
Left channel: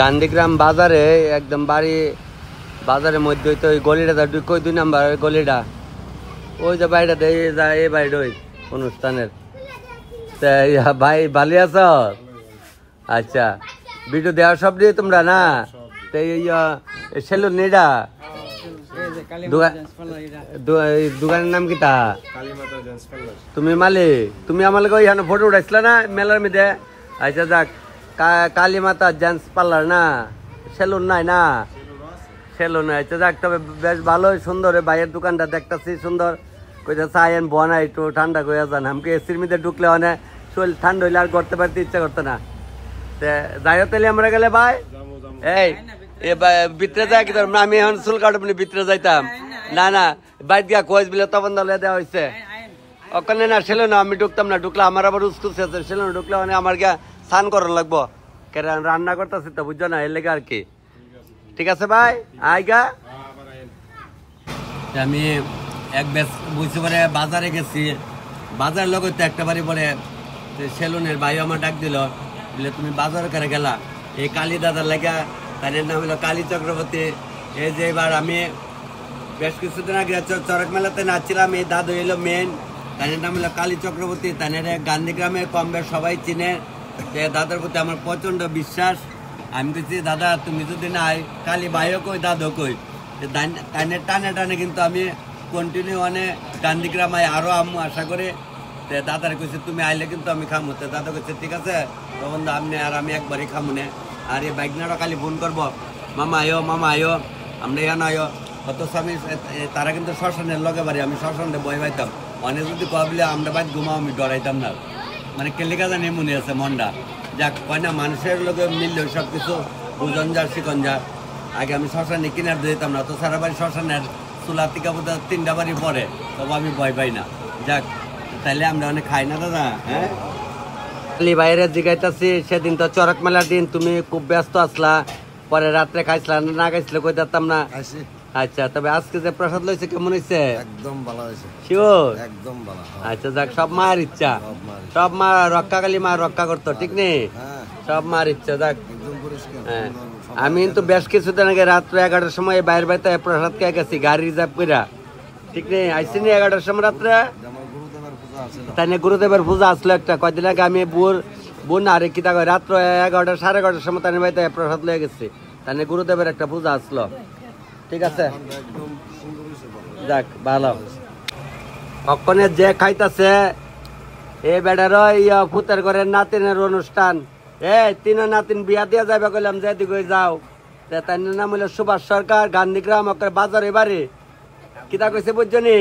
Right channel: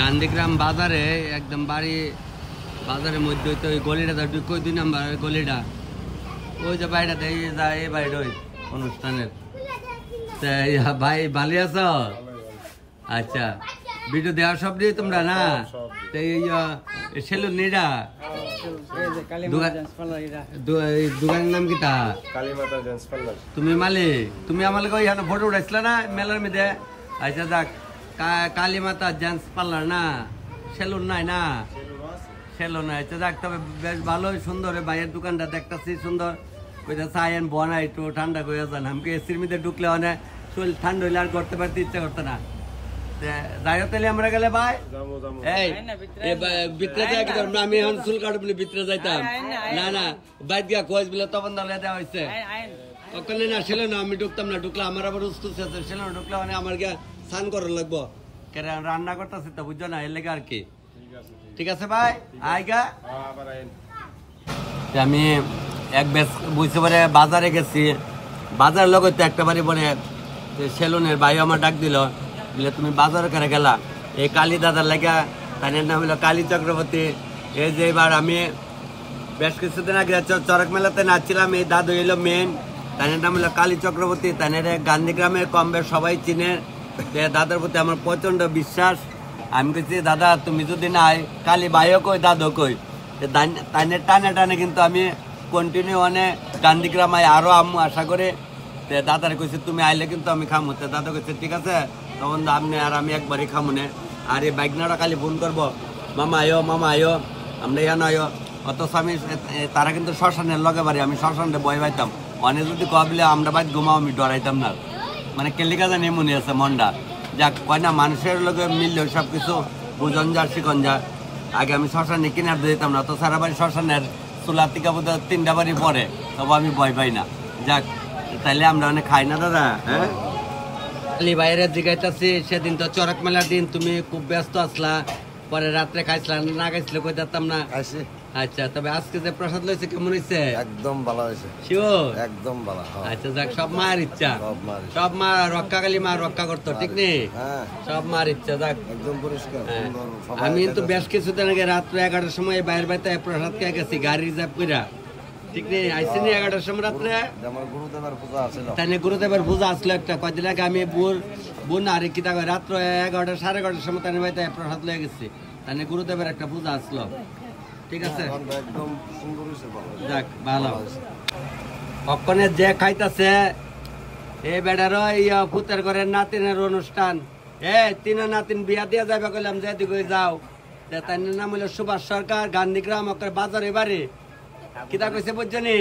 গান্ধীগ্রাম বাজারে একদম বাড়ি বাজারের মধ্যে তো ওই গলিটা কই 2 নাম্বার গলিটা ওই যে বাইরে যায় এই বাইরে ওই অনুষ্ঠানের ভাই ভালো আছো আচ্ছা ভিডিও দেওয়া সব দিয়ে তোমরা না সেলুন নেডা দোকানের নাম কি তা তুমি মালিক তুমি আমাকে ওইখানে ফটো উঠাইছিল না মেলার মধ্যে আচ্ছা যাক কালী মাতা জেন্টস পার্লার না সেলুন নাই না সেলুন আচ্ছা যাক তবে বেশ ভালোই সুন্দর বাইরের দোকানটা দেখতেছি সুন্দর কইতে চাইন বনা একটু ঠান্ডা করে যান আমাকে এসির মধ্যে ঢুকলে অনেক শরীর ঠান্ডা হইলে আর করতে পারতে ইচ্ছা করতো না যাই তাহলে আমরা গেলে ভাই এই ভিতরে যাই কিন্তু আমি এখন চুল কাটবো ভিতরে যাইতাম না না বাইর গিয়া কোচ বিলে তখন দলে দেওয়া হয়েছে ওখানে না ছিল না আমি ঢুকতাম না ঢুকলে আমার আবার উস্কুস ছিল না ঢুকলে মানে আমার গিয়া স্নান করার লাগবো রান্না করতেছি তো বুঝছো না এর লেগে আর কি ঠিক আছে ভাই আইগা আমি এক বেশ বুঝতে পারে বাজারে গেছি বাজার লোক একটা বাড়ি বলে সেলুনের ভাই আমার ডাক দিল বলে তুমি বাজার করে গেলা এই কালী দাদার লেগা তার নাম হলো কালী চক্রবর্তী এই যে এবার আমি বেশ কিছুদিন আগে চরক মেলাতে নাচছিলাম এই দাদু এলো মেন তার নাম হলো কালী চক্রবর্তী তাদের গান্ধীগ্রামে কম বেশ সবাই চিনে দাদার প্রতি আমার প্রচন্ড বিশ্বাস আমি বলছি দাদা তুমি যদি না কালী ভাইও কই দাদু কই টানে টানে কিন্তু আমি কন্টিনিউ গান্ধীগ্রাম আরো আম্মু আশা করে দাদারে কইছে তুমি আইলে কিন্তু আমি খামু। দাদা কইছে ঠিক আছে, তখন আপনি আর আমি একবারই খামু না। আর এই বাইকনারা খালি ফোন করবো, মামা আয়ো আমরা এখানে আয়ো। অত আমি তারা কিন্তু শ্মশানের লগে বাড়ি, আমি শ্মশানে বই পাইতাম। অনেক যদি কবলে আমরা বাইক ঘুমাও, আমি ডরাইতাম না। মানে কেলিকা জানি মনে আছে মনটা, যাক কয় না মানুষের লগে মিললে সবকিছু বুঝন যার শিকন যা। আগে আমি শ্মশানে কিনার দিতাম না, তো সারা বাড়ি শ্মশানের চুলা টিকা বোধ 3টা বাড়ি পরে, তবু আমি ভয় পাই না। যাক তাইলে আমরা অনেক খাই না দাদা। হ্যাঁ বাইরে জিগাইতেছি, সেদিন তো চরক মেলার দিন, তুমি খুব ব্যস্ত আসলা, পরে রাত্রে খাইছিলা না খাইছিলে কই দিতাম না। আচ্ছা, তবে আজকে যে প্রসাদ লইছে কেমন হয়েছে? একদম ভালো হয়েছে, শিওর একদম ভালো। আচ্ছা যাক, সব মায়ের ইচ্ছা, সব মা রক্ষাকালী মা রক্ষা করতো, ঠিক নেই? সব মার ইচ্ছা। যাক আমি কিন্তু বেশ কিছুদিন আগে রাত্রে 11টার সময় বাইরে বাইতে প্রসাদ খেয়ে গেছি, গাড়ি রিজার্ভ কইরা, ঠিক নেই? আইসিনি 11টার সময় রাত্রে, তাই গুরুদেবের পূজা আসলো একটা কয়দিন আগে। আমি বোন আরে কিতা কয় রাত্র 11টা 11:30টার সময় তাই বাইতে প্রসাদ লয়ে গেছি, তাই গুরুদেবের একটা পূজা আসলো, ঠিক আছে? যাক ভালো। কখনে যে খাইতাছে এই বেড়ার পুতের ঘরের নাতিনের অনুষ্ঠান, 3 নাতিন বিয়া দিয়ে যাবে, কইলাম যে দিকে যাও। তাই নাম হইল সুভাষ সরকার, গান্ধীগ্রাম, বাজারে বাড়ি। কিতা কইছে বুঝছনি?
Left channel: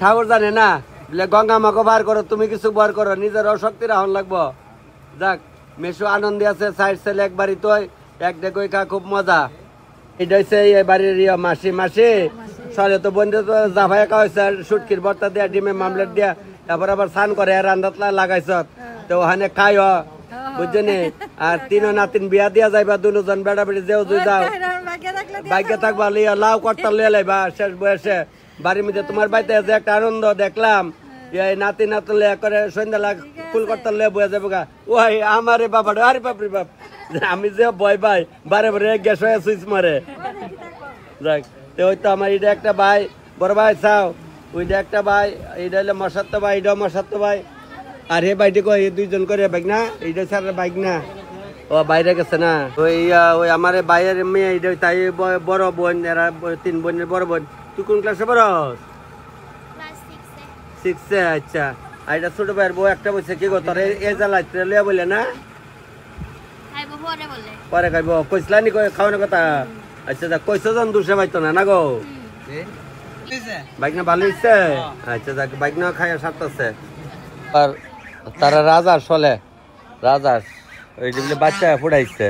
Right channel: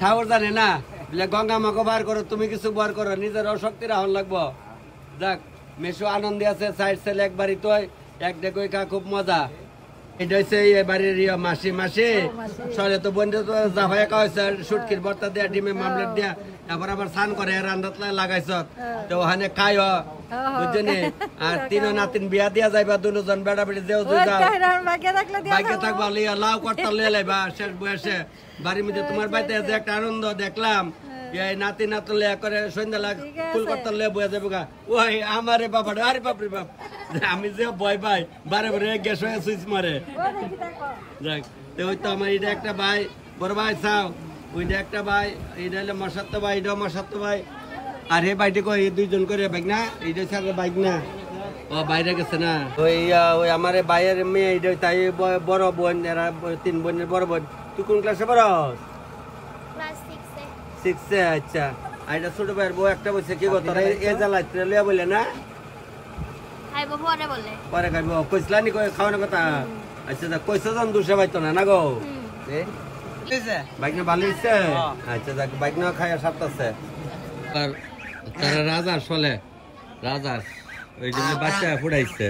ঠাকুর জানে না বলে গঙ্গা মাকে বার করো, তুমি কিছু বার করো, নিজের অশক্তি রাহন লাগবো। যাক মেশু আনন্দে আছে, সাইড ছেলে এক বাড়ি তো এক দেখো খা, খুব মজা। এটা হচ্ছে এই বাড়ির মাসি সলে তো বন্ধু তো জাফাই একা হয়েছে, সুটকির ভর্তা দিয়া, ডিমে মামলেট দিয়া, তারপর আবার স্নান করে রান্দাত লাগাইছ, তো ওখানে খাই বুঝছনি। আর 3 নাতিন বিয়া দিয়া যাইবা, 2জন বেড়া বেড়ি যেও দুই যাও, ভাগ্য থাকবা লিয়া লাউ কর্তা লিয়ে লাইবা শেষ বয়সে বাড়ির মধ্যে। তোমার বাড়িতে যে একটা আনন্দ দেখলাম, এই নাতি নাতন লিয়া করে সন্ধ্যা ফুল কর্তা লিয়ে বয়ে যাবো গা, ওই আমারে বাবা, আরে বাপরে বাপ, আমি যে ভয় পাই, বারে বারে গ্যাস হয়ে সুইচ মারে। যাক ওই তো আমার এটা একটা ভাই, বড় ভাই চাও, ওইটা একটা ভাই, এটা হলো মশাত্ত ভাই, এটাও মশাত্ত ভাই। আর হে বাইটি কই 2জন করে বাইক না, এইটা ছাড়া বাইক না, ও বাইরে গেছে না। ওই আমার ভাইয়ের মেয়ে, এটা তাই বড় বোন, এরা 3 বোনের বড় বোন। তুই কোন ক্লাসে পড়ো? ক্লাস 6 এ। আচ্ছা, আর এটা ছোট ভাইয়ের বউ একটা বলছে কি গো তোর এই জ্বালায় লিয়া বলে না, পরে খাইব কইসলা নি খাওয়ানোর কথা। আচ্ছা যাক, কইছো জন দুসে পাইতো না গো, বাইক না ভালো হচ্ছে। আচ্ছা যাক, বাইক না খাই সাথে আছে। আর তারা রাজার চলে, রাজার ওই যে বাচ্চা ফুটাইছে,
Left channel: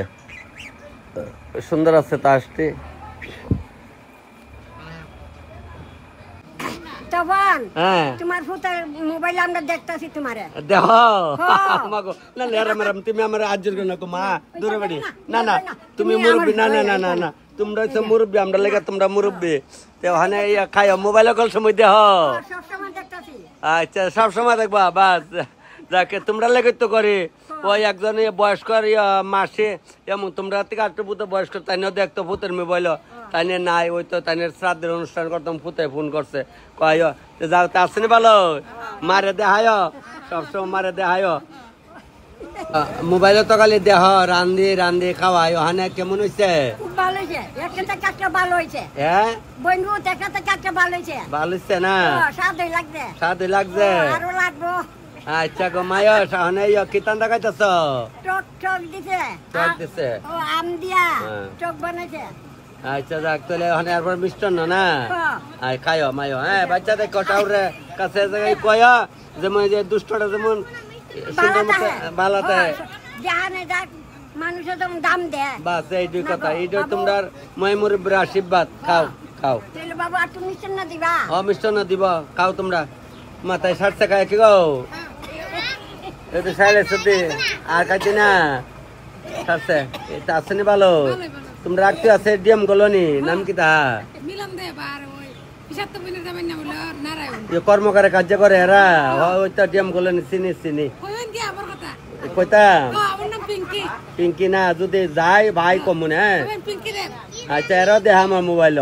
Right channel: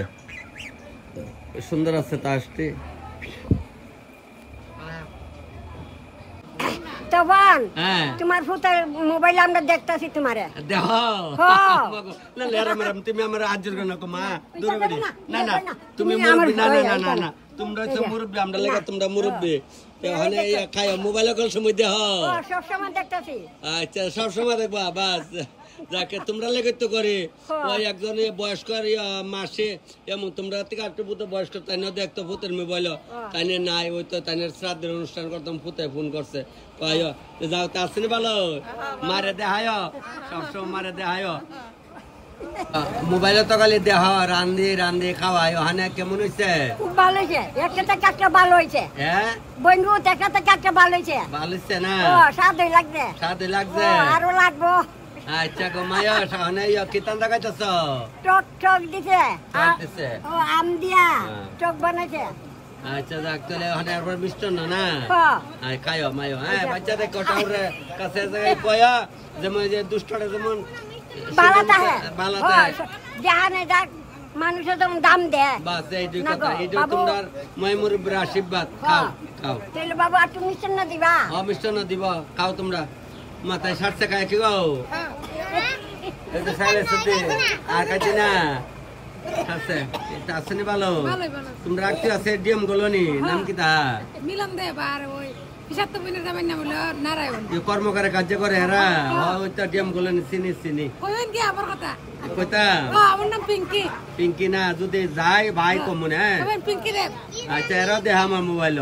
সুন্দর আছে তাসটি। তখন তোমার ফুটার মোবাইল আমরা দেখতাছি তোমারে দেখো না লেরা ম্যাডাম, তুমি আমার আজ্জর না কো মা দূরে বাড়ি, না না তুমি মুরব্বি, না না না না না তোমরা তো মুরব্বি, আমরা লেগে তোমরা মুরব্বি, ওখানে খাইও মোবাইল কল সময় দেহ, সব সময় দেখতাছি। আচ্ছা সব সময় দেখবা, বাস যাকে তোমরা লেগে তো করে। ওই একজন বয়স্কর মাসে এমন তোমরা থেকে 8 পুতো বয়স্ক তাই দেখতো ভূতের মোবাইল, তাই নাই ওই তো তাই শ্রাদ্ধের অনুষ্ঠান করতাম, ফুতে ফোন করছে কয় যাও তা আসছে ভালো, মারে দেখায় সবসময় মারে দেখায়। মোবাইলে তো খালি দেহ রান্ধি খাওয়াই, ওখানে কেমন হয়েছে? খুব ভালো হয়েছে, একটা থেকে একটা ভালো হয়েছে। হ্যাঁ বন্ধু একটা থেকে একটা ভালো হয়েছে, ভালো হচ্ছে না? স্বাদই লাগছে, স্বাদই লাগছে, আরো লাগবো। আচ্ছা গো মায়া, ওখানে কিতান দেখাইতেছ? টক দিছে, আম দিয়া টক বানাইছে। আচ্ছা যাক, তাহলে ওখানে একবার মিষ্টান্ন না খাইও মায়ো। হ্যাঁ বাচ্চাদের কটাউরে কাছে কয়া যেমন যে দুষ্টটা যেমন ভালো থাকে, মানুষের যেমন দাম দেয়, বাস এই দুই কথা। এইটা তোমার মই মুরব্বীর আশীর্বাদ, খাও খাও। তাহলে বাবু আর তুমি মিষ্টান্ন দিবা? মিষ্টান্ন দিব, খাও তোমরা। মাথায় সারছে খায় কি গো, সাইলে সত্যি আর কাছে না সারছে, এটা আছে নি ভালো? তোমরা রাখতে আছে ডিএম কলোনি, নাম কি তা? কর্মকারে কার্য করে এরা, ওই তো ডিএম কলোনি চিনি কইতা পিঙ্কি না, যদি যাই ভাই কমুন। হ্যাঁ আচ্ছা, এরাও দেখ আমার মোবাইল,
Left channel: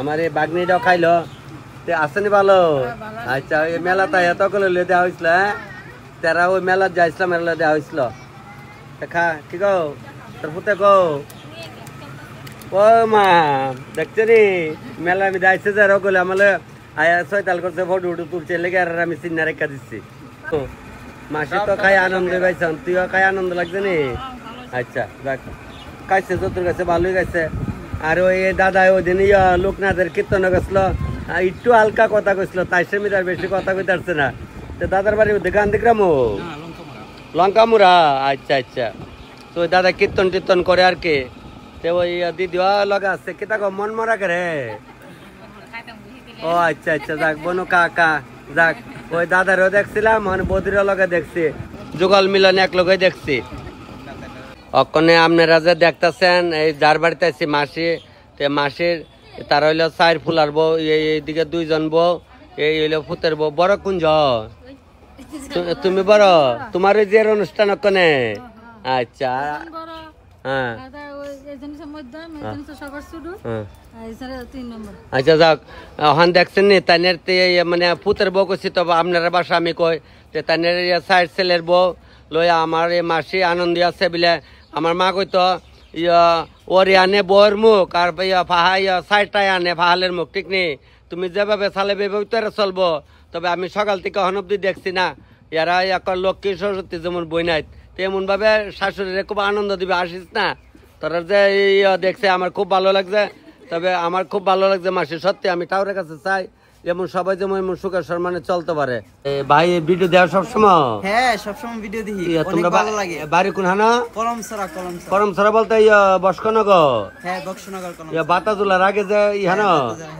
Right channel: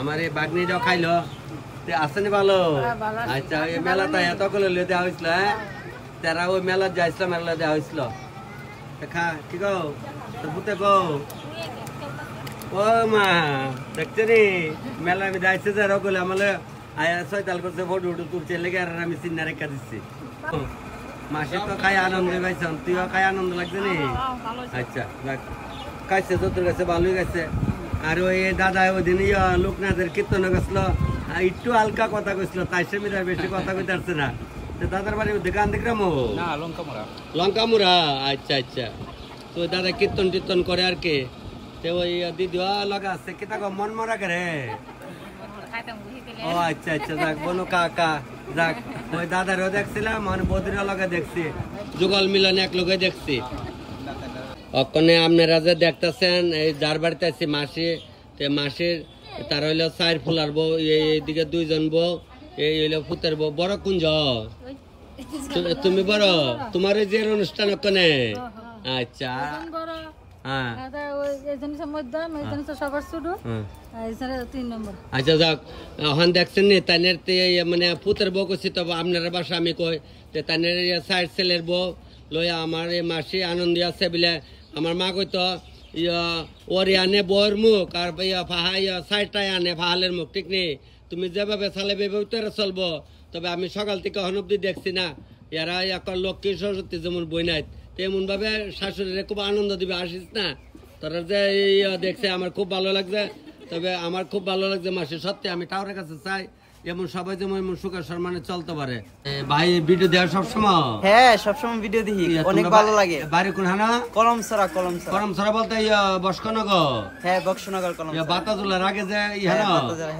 আমার এই বাগনিটাও খাইলো, আসেনি ভালো? আচ্ছা ওই মেলাটা এত করে দেওয়া হয়েছিল, হ্যাঁ তারা ওই মেলা যাইছিলাম, মেলা দেওয়া হয়েছিল। খা কি গো তোর পুতে গো, ও মা দেখছি রে মেলা আমি যাইছে যে রকলে আমলে আয়া ছয়তাল করছে ফটো উঠু তুলছে লেগে আর আমি চিন্না রেখা দিচ্ছি মাসি তো খাই আনন্দ পাইছাম তুইও খাই আনন্দ লাগছে নি আচ্ছা যাক খাইছে তোর কাছে ভালোই খাইছে আর ওই দাদা ওই দিন লোকনাথের কীর্তন গেছিল একটু হালকা কথা কইছিল তাই সে মিটার বেশি কথা কইতে পারছে না দাদার বাড়ি দোকান দেখলাম লঙ্কামুরা আচ্ছা আচ্ছা তো দাদা কীর্তন টীর্তন করে আর কি তো ওই দিদি লগে আছে কেটা মন মরা করে ও আচ্ছা আচ্ছা যাক বনু কাকা যাক ওই দাদারও দেখছিলাম মানে বদিরও লগে দেখছি যুগল মিলন এক লগে দেখছি অকনে আপনারা যে দেখতেছেন এই যার বাড়িতে আছি মাসি মাসির তার হইলো চার ফুলার বউ এইদিকে দুইজন বউ এই হইলো ফুতের বউ বড় কুঞ্জ তুমি বড় তোমার ওই যে অনুষ্ঠান অকনে আচ্ছা হ্যাঁ আচ্ছা যাক হন দেখছেন নি তাইনের মানে ফুতের বউ কইছি তো আপনার বাসা আমি কই তাইনের সাইড ছেলের বউ লইয়া আমার এই মাসি আনন্দী আছে বলে আমার মা কইতো ওরে আনে বউর মুখ আর সাইডটাই আনে ফাহালের মুখ ঠিক নেই তুমি যেভাবে চালে বেভাবে চলবো তবে আমি সকাল থেকে হন অব্দি দেখছি না ইয়ারা এখন লক্ষ্মী সরস্বতী যেমন বই নাই তেমন ভাবে শাশুড়িরে খুব আনন্দ দিবে আসিস না তোরা যে দেখছে আমার খুব ভালো লাগছে তবে আমার খুব ভালো লাগছে মাসি সত্যি আমি ঠাকুরের কাছে চাই যেমন সবাই যেমন সুখের সম্মানে চলতে পারে ভাই ভিডিও দেওয়া সবসময় হ্যাঁ সবসময় ভিডিও দেখি অনেক ভালো লাগে বাড়ি কোন হানা কলমছড়া বলতে বস্কনগর হ্যাঁ বক্সনগর কলম বাতাজুলার আগে যে ইহানো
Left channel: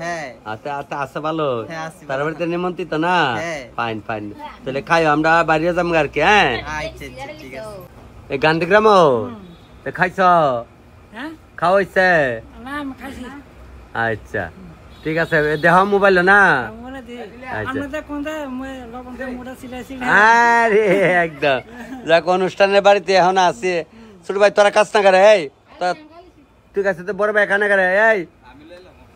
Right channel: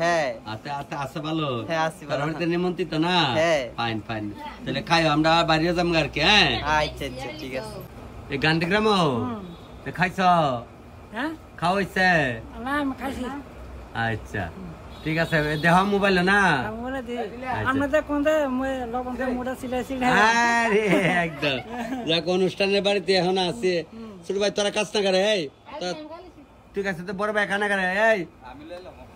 হ্যাঁ আচ্ছা আচ্ছা আছে ভালো হ্যাঁ আছি তার বাড়িতে নিমন্ত্রিত না হ্যাঁ ফাইন ফাইন তাহলে খাই আমরা বাইরে যাবো আর কি হ্যাঁ আচ্ছা আচ্ছা ঠিক আছে এই গান্ধীগ্রাম খাইছ খাওয়াইছে আচ্ছা ঠিক আছে দেহ মোবাইল না আরে একদম যাক অনুষ্ঠানের বাড়িতে এখন আছে ছোট ভাই তোরা কাজ না করে এই ঠিক আছে তো বড় ভাই খানা করে এই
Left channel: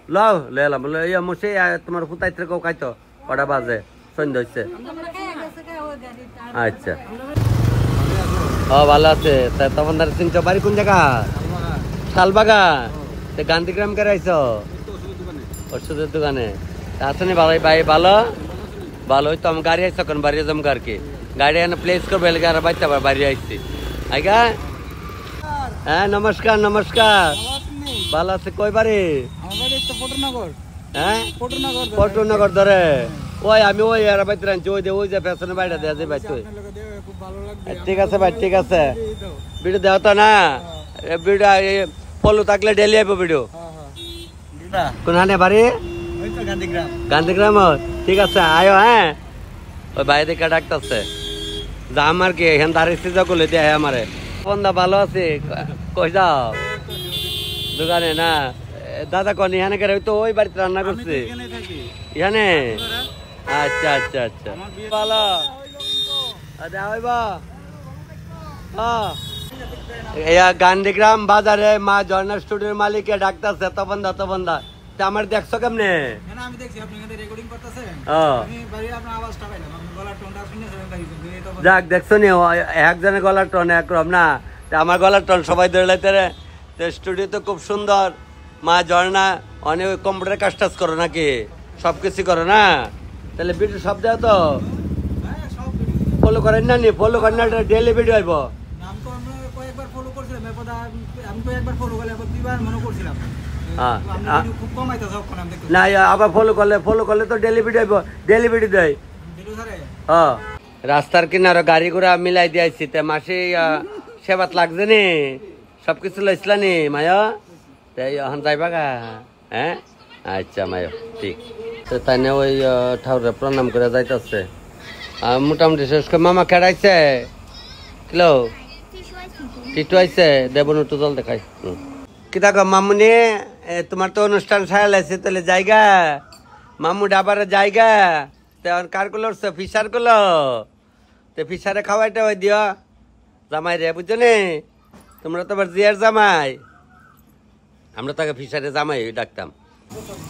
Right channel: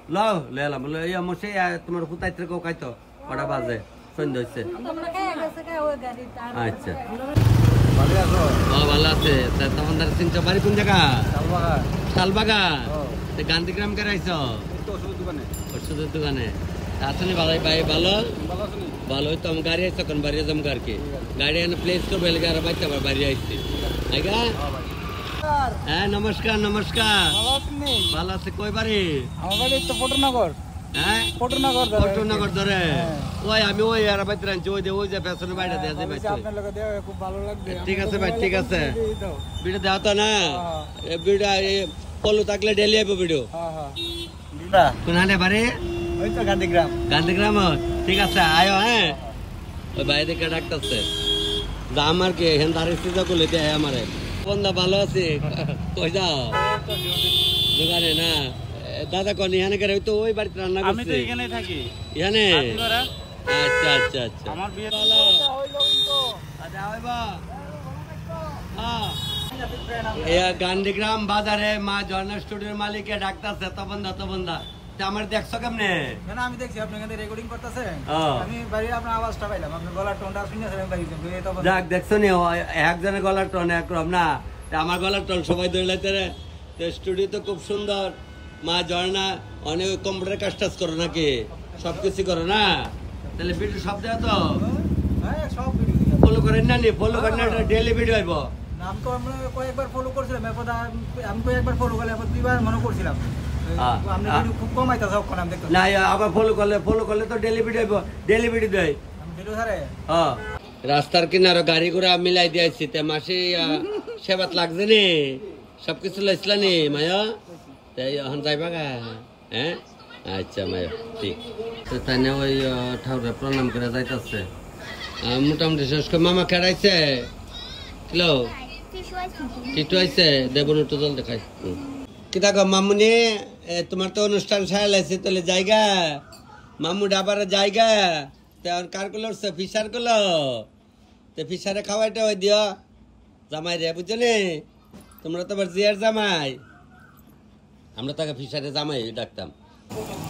লও লেলাম মুসে তোমার কোথায় থেকে খাইতো কটা বাজে সন্ধ্যা হচ্ছে আচ্ছা ও ভালো আছে তখন তার চিন্তা বাড়ি কোন জায়গা শালবাগান গান্ধীগ্রাম কে রাইছো ওষুধের দোকানে আসেনি ভালো ভাই ভালো ভালো হইতো আমি গাড়ি আইসো এখন বাড়ি যাবো আর কি গাড়ি এনে প্লেস করবো এলাকা আর বাচ্চা বাড়ি আইসি আইগা হ্যাঁ নমস্কার নমস্কার ভালো আছে কই বাড়ি হ্যাঁ পটনগর ধরে ওই আমি ওই আর বাইতে রাখছি ওই যে পেছনে বাইরে দেওয়া যায় বাইতে ঠিক আছে ভাই ঠিক আছে ভিডিও দেওয়া তো না ভিডিও ফলো থাকলে ডেলি আইব ভিডিও কোনখানে বাড়ি গান্ধীগ্রাম ঠিক আছে আয়ো হ্যাঁ ওই বাইরে দিকে ডাকতেছে যাম আর কি এখান দাঁড়িয়েছি যখন দিয়ে আমারে বন্ধা ভালো আছে কই যাও দোকানে না দাদা কন এখানে করে তো ওই বাড়িতে রান্না করছে এখানে আচ্ছা আচ্ছা আচ্ছা ভালো গান্ধীগ্রাম বাজারে মা ঝর্ণা স্টুডিওর মালিকে ডাকতেছে তখন দা আমার দেখছো কেমনে আমি দেখছি আপনি রেকর্ডিং করতেছেন আমি বাইরে আপনার আওয়াজটা পাইলাম আপনার গলার টোনটা শুনে যাক দেখছো নি একজনের গলার টোন একরকম না আমার গলার টোন সবাই ধরে লাইতে রে স্টুডিও তো খুব সুন্দর মা ঝর্ণা অনেক কম্পিউটার কাজ টাজ করো নাকি সবকিছু করো না তাহলে ভিডিও সব দেওয়া তো ফলো করেন না নি ফলো করেন না ডেইলি ভিডিও আইব নাম তো আমরা কয়েকবার ফলো করছিলাম আমি কয়েকবার ফলো করলে আবার দুইবার মনে করছিলাম খুব কম আইতাছে ওখানে আমি দেখতে না আবার ফলো করলে তো ডেইলি ভিডিও আইব ডেইলি ভিডিও দেয় ভিডিও ধরে রাস্তার কিনারে গাড়ি ঘোড়া মিলাই দিয়েছি তে মাসে সেবাত লাগছে নি সবকিছু লইছিলা নি মায়া এখন যাইবা গা হ্যাঁ আচ্ছা মায়া ঠিক তাই না ওই ঠাকুরে প্রণাম করে যাইতেছে মোটামুটি শেষ করে মামা খেড়াইছে কিলো টিটু আইছে দেবন একটু জল দেখাই কি দেখো মামুনি তোমার তো অনুষ্ঠান সারা লাগছে তাহলে জায়গা মামু ডাবার জায়গা তেমন কার গুলো ফিসার গুলো তো ফিসারে খাওয়াইটা ওই দিও জামাই রে বুঝছো নি তোমরা তো আবার জিয়ার জামাই আমরা তাকে ফিসারে জামাই ডাকতাম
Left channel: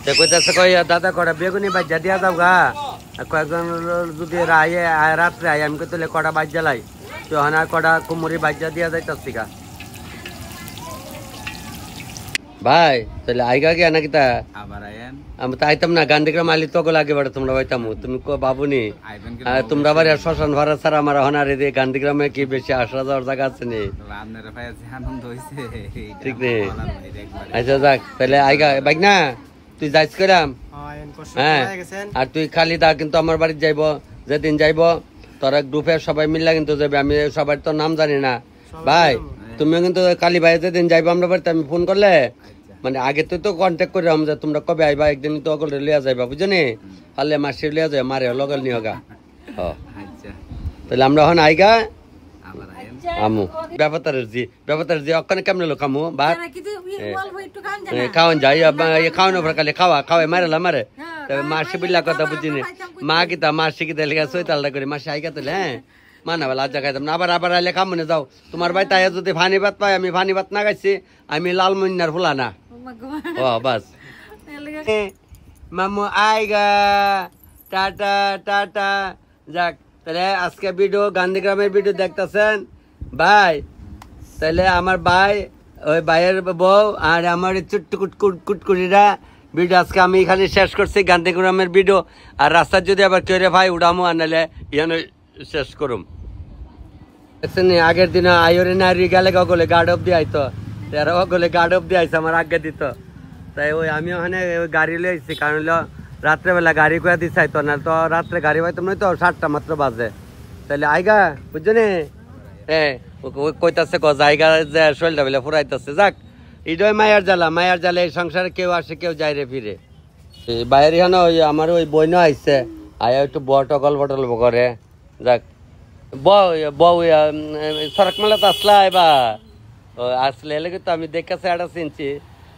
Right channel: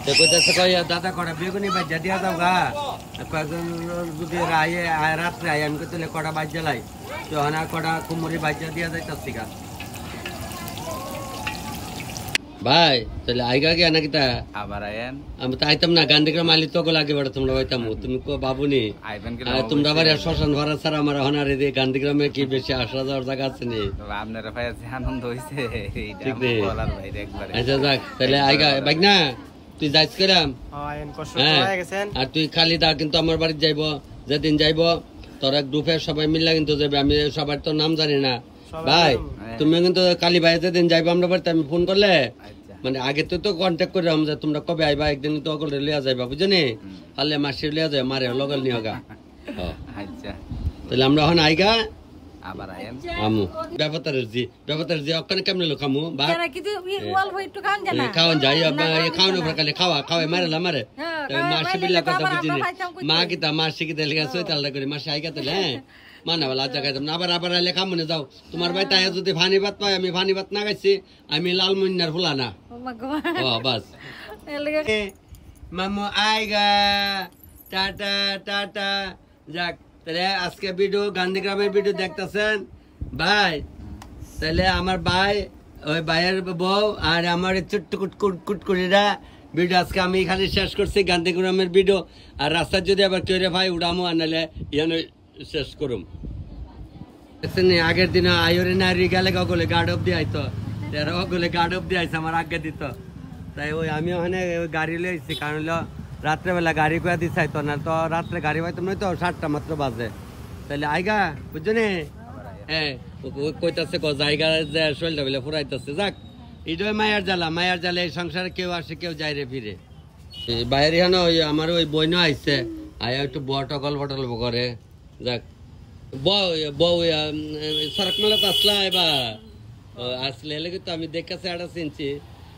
তো কইতাছে কই দাদা কটা বেগুনি বাজ্যা দিয়া যাও গা কয়েকজন যদি রাত্রে আয় আমি কইলে কটা বাজ্যা লাই তো হানা কটা কুমুরি বাজ্যা দিয়া যাইতাছি গা ভাই তাহলে আইগা গে নাকি তা আবার আয়েন আমি তো আইতাম না গান্ধীগ্রাম আইলি তো লাগে বাড়ে তোমরা বাইতাম তুমি বাবুনি আইবেন কি তোমরা বাড়ি শ্মশান ভাড়া ছাড়া আমার হনারে দিয়ে গান্ধীগ্রামে কি বেশি আসা যাওয়ার জায়গা আছে নি আপনার ভাই আছে আনন্দ হইছে ঠিক রে বলার বাইরে একবার আচ্ছা যাক তাহলে আইগা বাইক না তুই যাইস করাম আইন কষ্ট হ্যাঁ হয়ে গেছেন আর তুই খালি দা কিন্তু আমার বাড়ি যাইব যেদিন যাইব তোরা গ্রুপের সবাই মিললা কিন্তু যাবে আমি সবার তো নাম জানি না ভাই তুমিও কিন্তু কালী ভাই যেদিন যাইবো আমরা বাড়িতে আমি ফোন করলে মানে আগে তো কন্ট্যাক্ট করলাম যে তোমরা কবে আইবা একদিন তো অকলে লিয়া যাইবা বুঝনি হালে মাসির লিয়া যায় মারে লগল নিয়ে গা আচ্ছা তাহলে আমরা এখন আইগা আবার আয়েন আমু ব্যাপারটার জি ওখানে কেমন লোক আমু বা খাওয়ান যাই খাওয়ানো খালি খাওয়াই মারে মারে মাসি বিল্লা কথা বুঝিনি মা কিতা মাসি কিতা লেখা সৈতালটা করে মাসি আইগা তাহলে হ্যাঁ মানা বেলা আজ খাইতাম না আবার আইলে কামনে যাও তোমার ভাই তাই যদি ভানি ভাত পাই আমি ভানি ভাত না খাইছি আমি লালমনিয়ার ফুলা না ও বাস মামু আইগা টাটা টাটা যাক তাহলে আজকে ভিডিও গান্ধীগ্রামের ভিডিও দেখতেছেন ভাই তাহলে আমার ভাই ওই ভাইয়ের বউ আর আমার কুটকুটিরা ভিডিও আজকে আমি এখানে শেষ করছি গান্ধীগ্রামের ভিডিও আর রাস্তার যদি আবার কেউ ভাই উড়ামো আনালে ইয়ানো শেষ করুম দেখছেন আগের দিন আয়োরে নারী গেলে গলে গার্ড অফ দিয়ে আইতো তেরা গলে গার্ড অফ দিয়ে আইছে আমার আগে দিত তাই ওই আমি ওখানে ওই গাড়ি লিয়ে আইছি কারণ হলো রাত্রেবেলা গাড়ি করে দিতে চাইতো না তো রাত্রে গাড়ি পাইতাম না তো 7টা মাত্র বাজে তাহলে আইগা বুঝছো নি হ্যাঁ কইতাছে জায়গা যে শরীরটা বেলা ফুরাইতেছে যাক এটাই মায়ার জ্বালা এই সংসারে কেউ আসে কেউ যায় রে ফিরে বাইরে হন ওই আমার ওই বইনও আইছে আয়া একটু বটল করে যাক বউ সড়ক মেলা তো আসলা এবার আসলে এলে তো আমি দেখেছি একটা চিনছি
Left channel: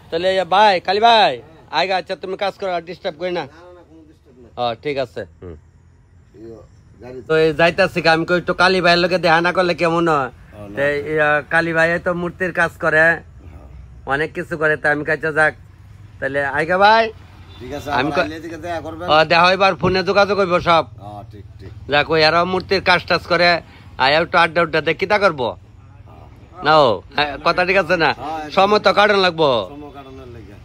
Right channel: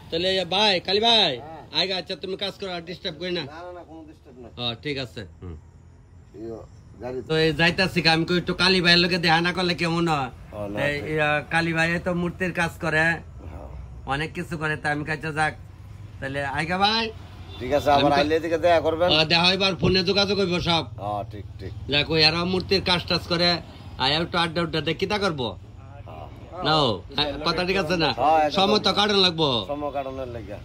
তাহলে ভাই কালী ভাই আইগা আচ্ছা তুমি কাজ করো ডিস্টার্ব করি না ঠিক আছে তো যাইতাছি আমি কই একটু কালী ভাইয়ের লোকে দেখা না করলে কেমন হয় কালী ভাই তো মূর্তির কাজ করে অনেক কিছু করে তা আমি কাছে যাক তাহলে আইগা ভাই ঠিক আছে দেখা করবেন দেখা এবার ফোনে যোগাযোগ করবো সব ঠিক যাক ওই এরাও মূর্তির কাজ টাজ করে আয়া একটু আড্ডা দেখি তা করবো না কথা ঠিক আছে না সময় তো কাটানো লাগবো সময় কাটানোর লাগে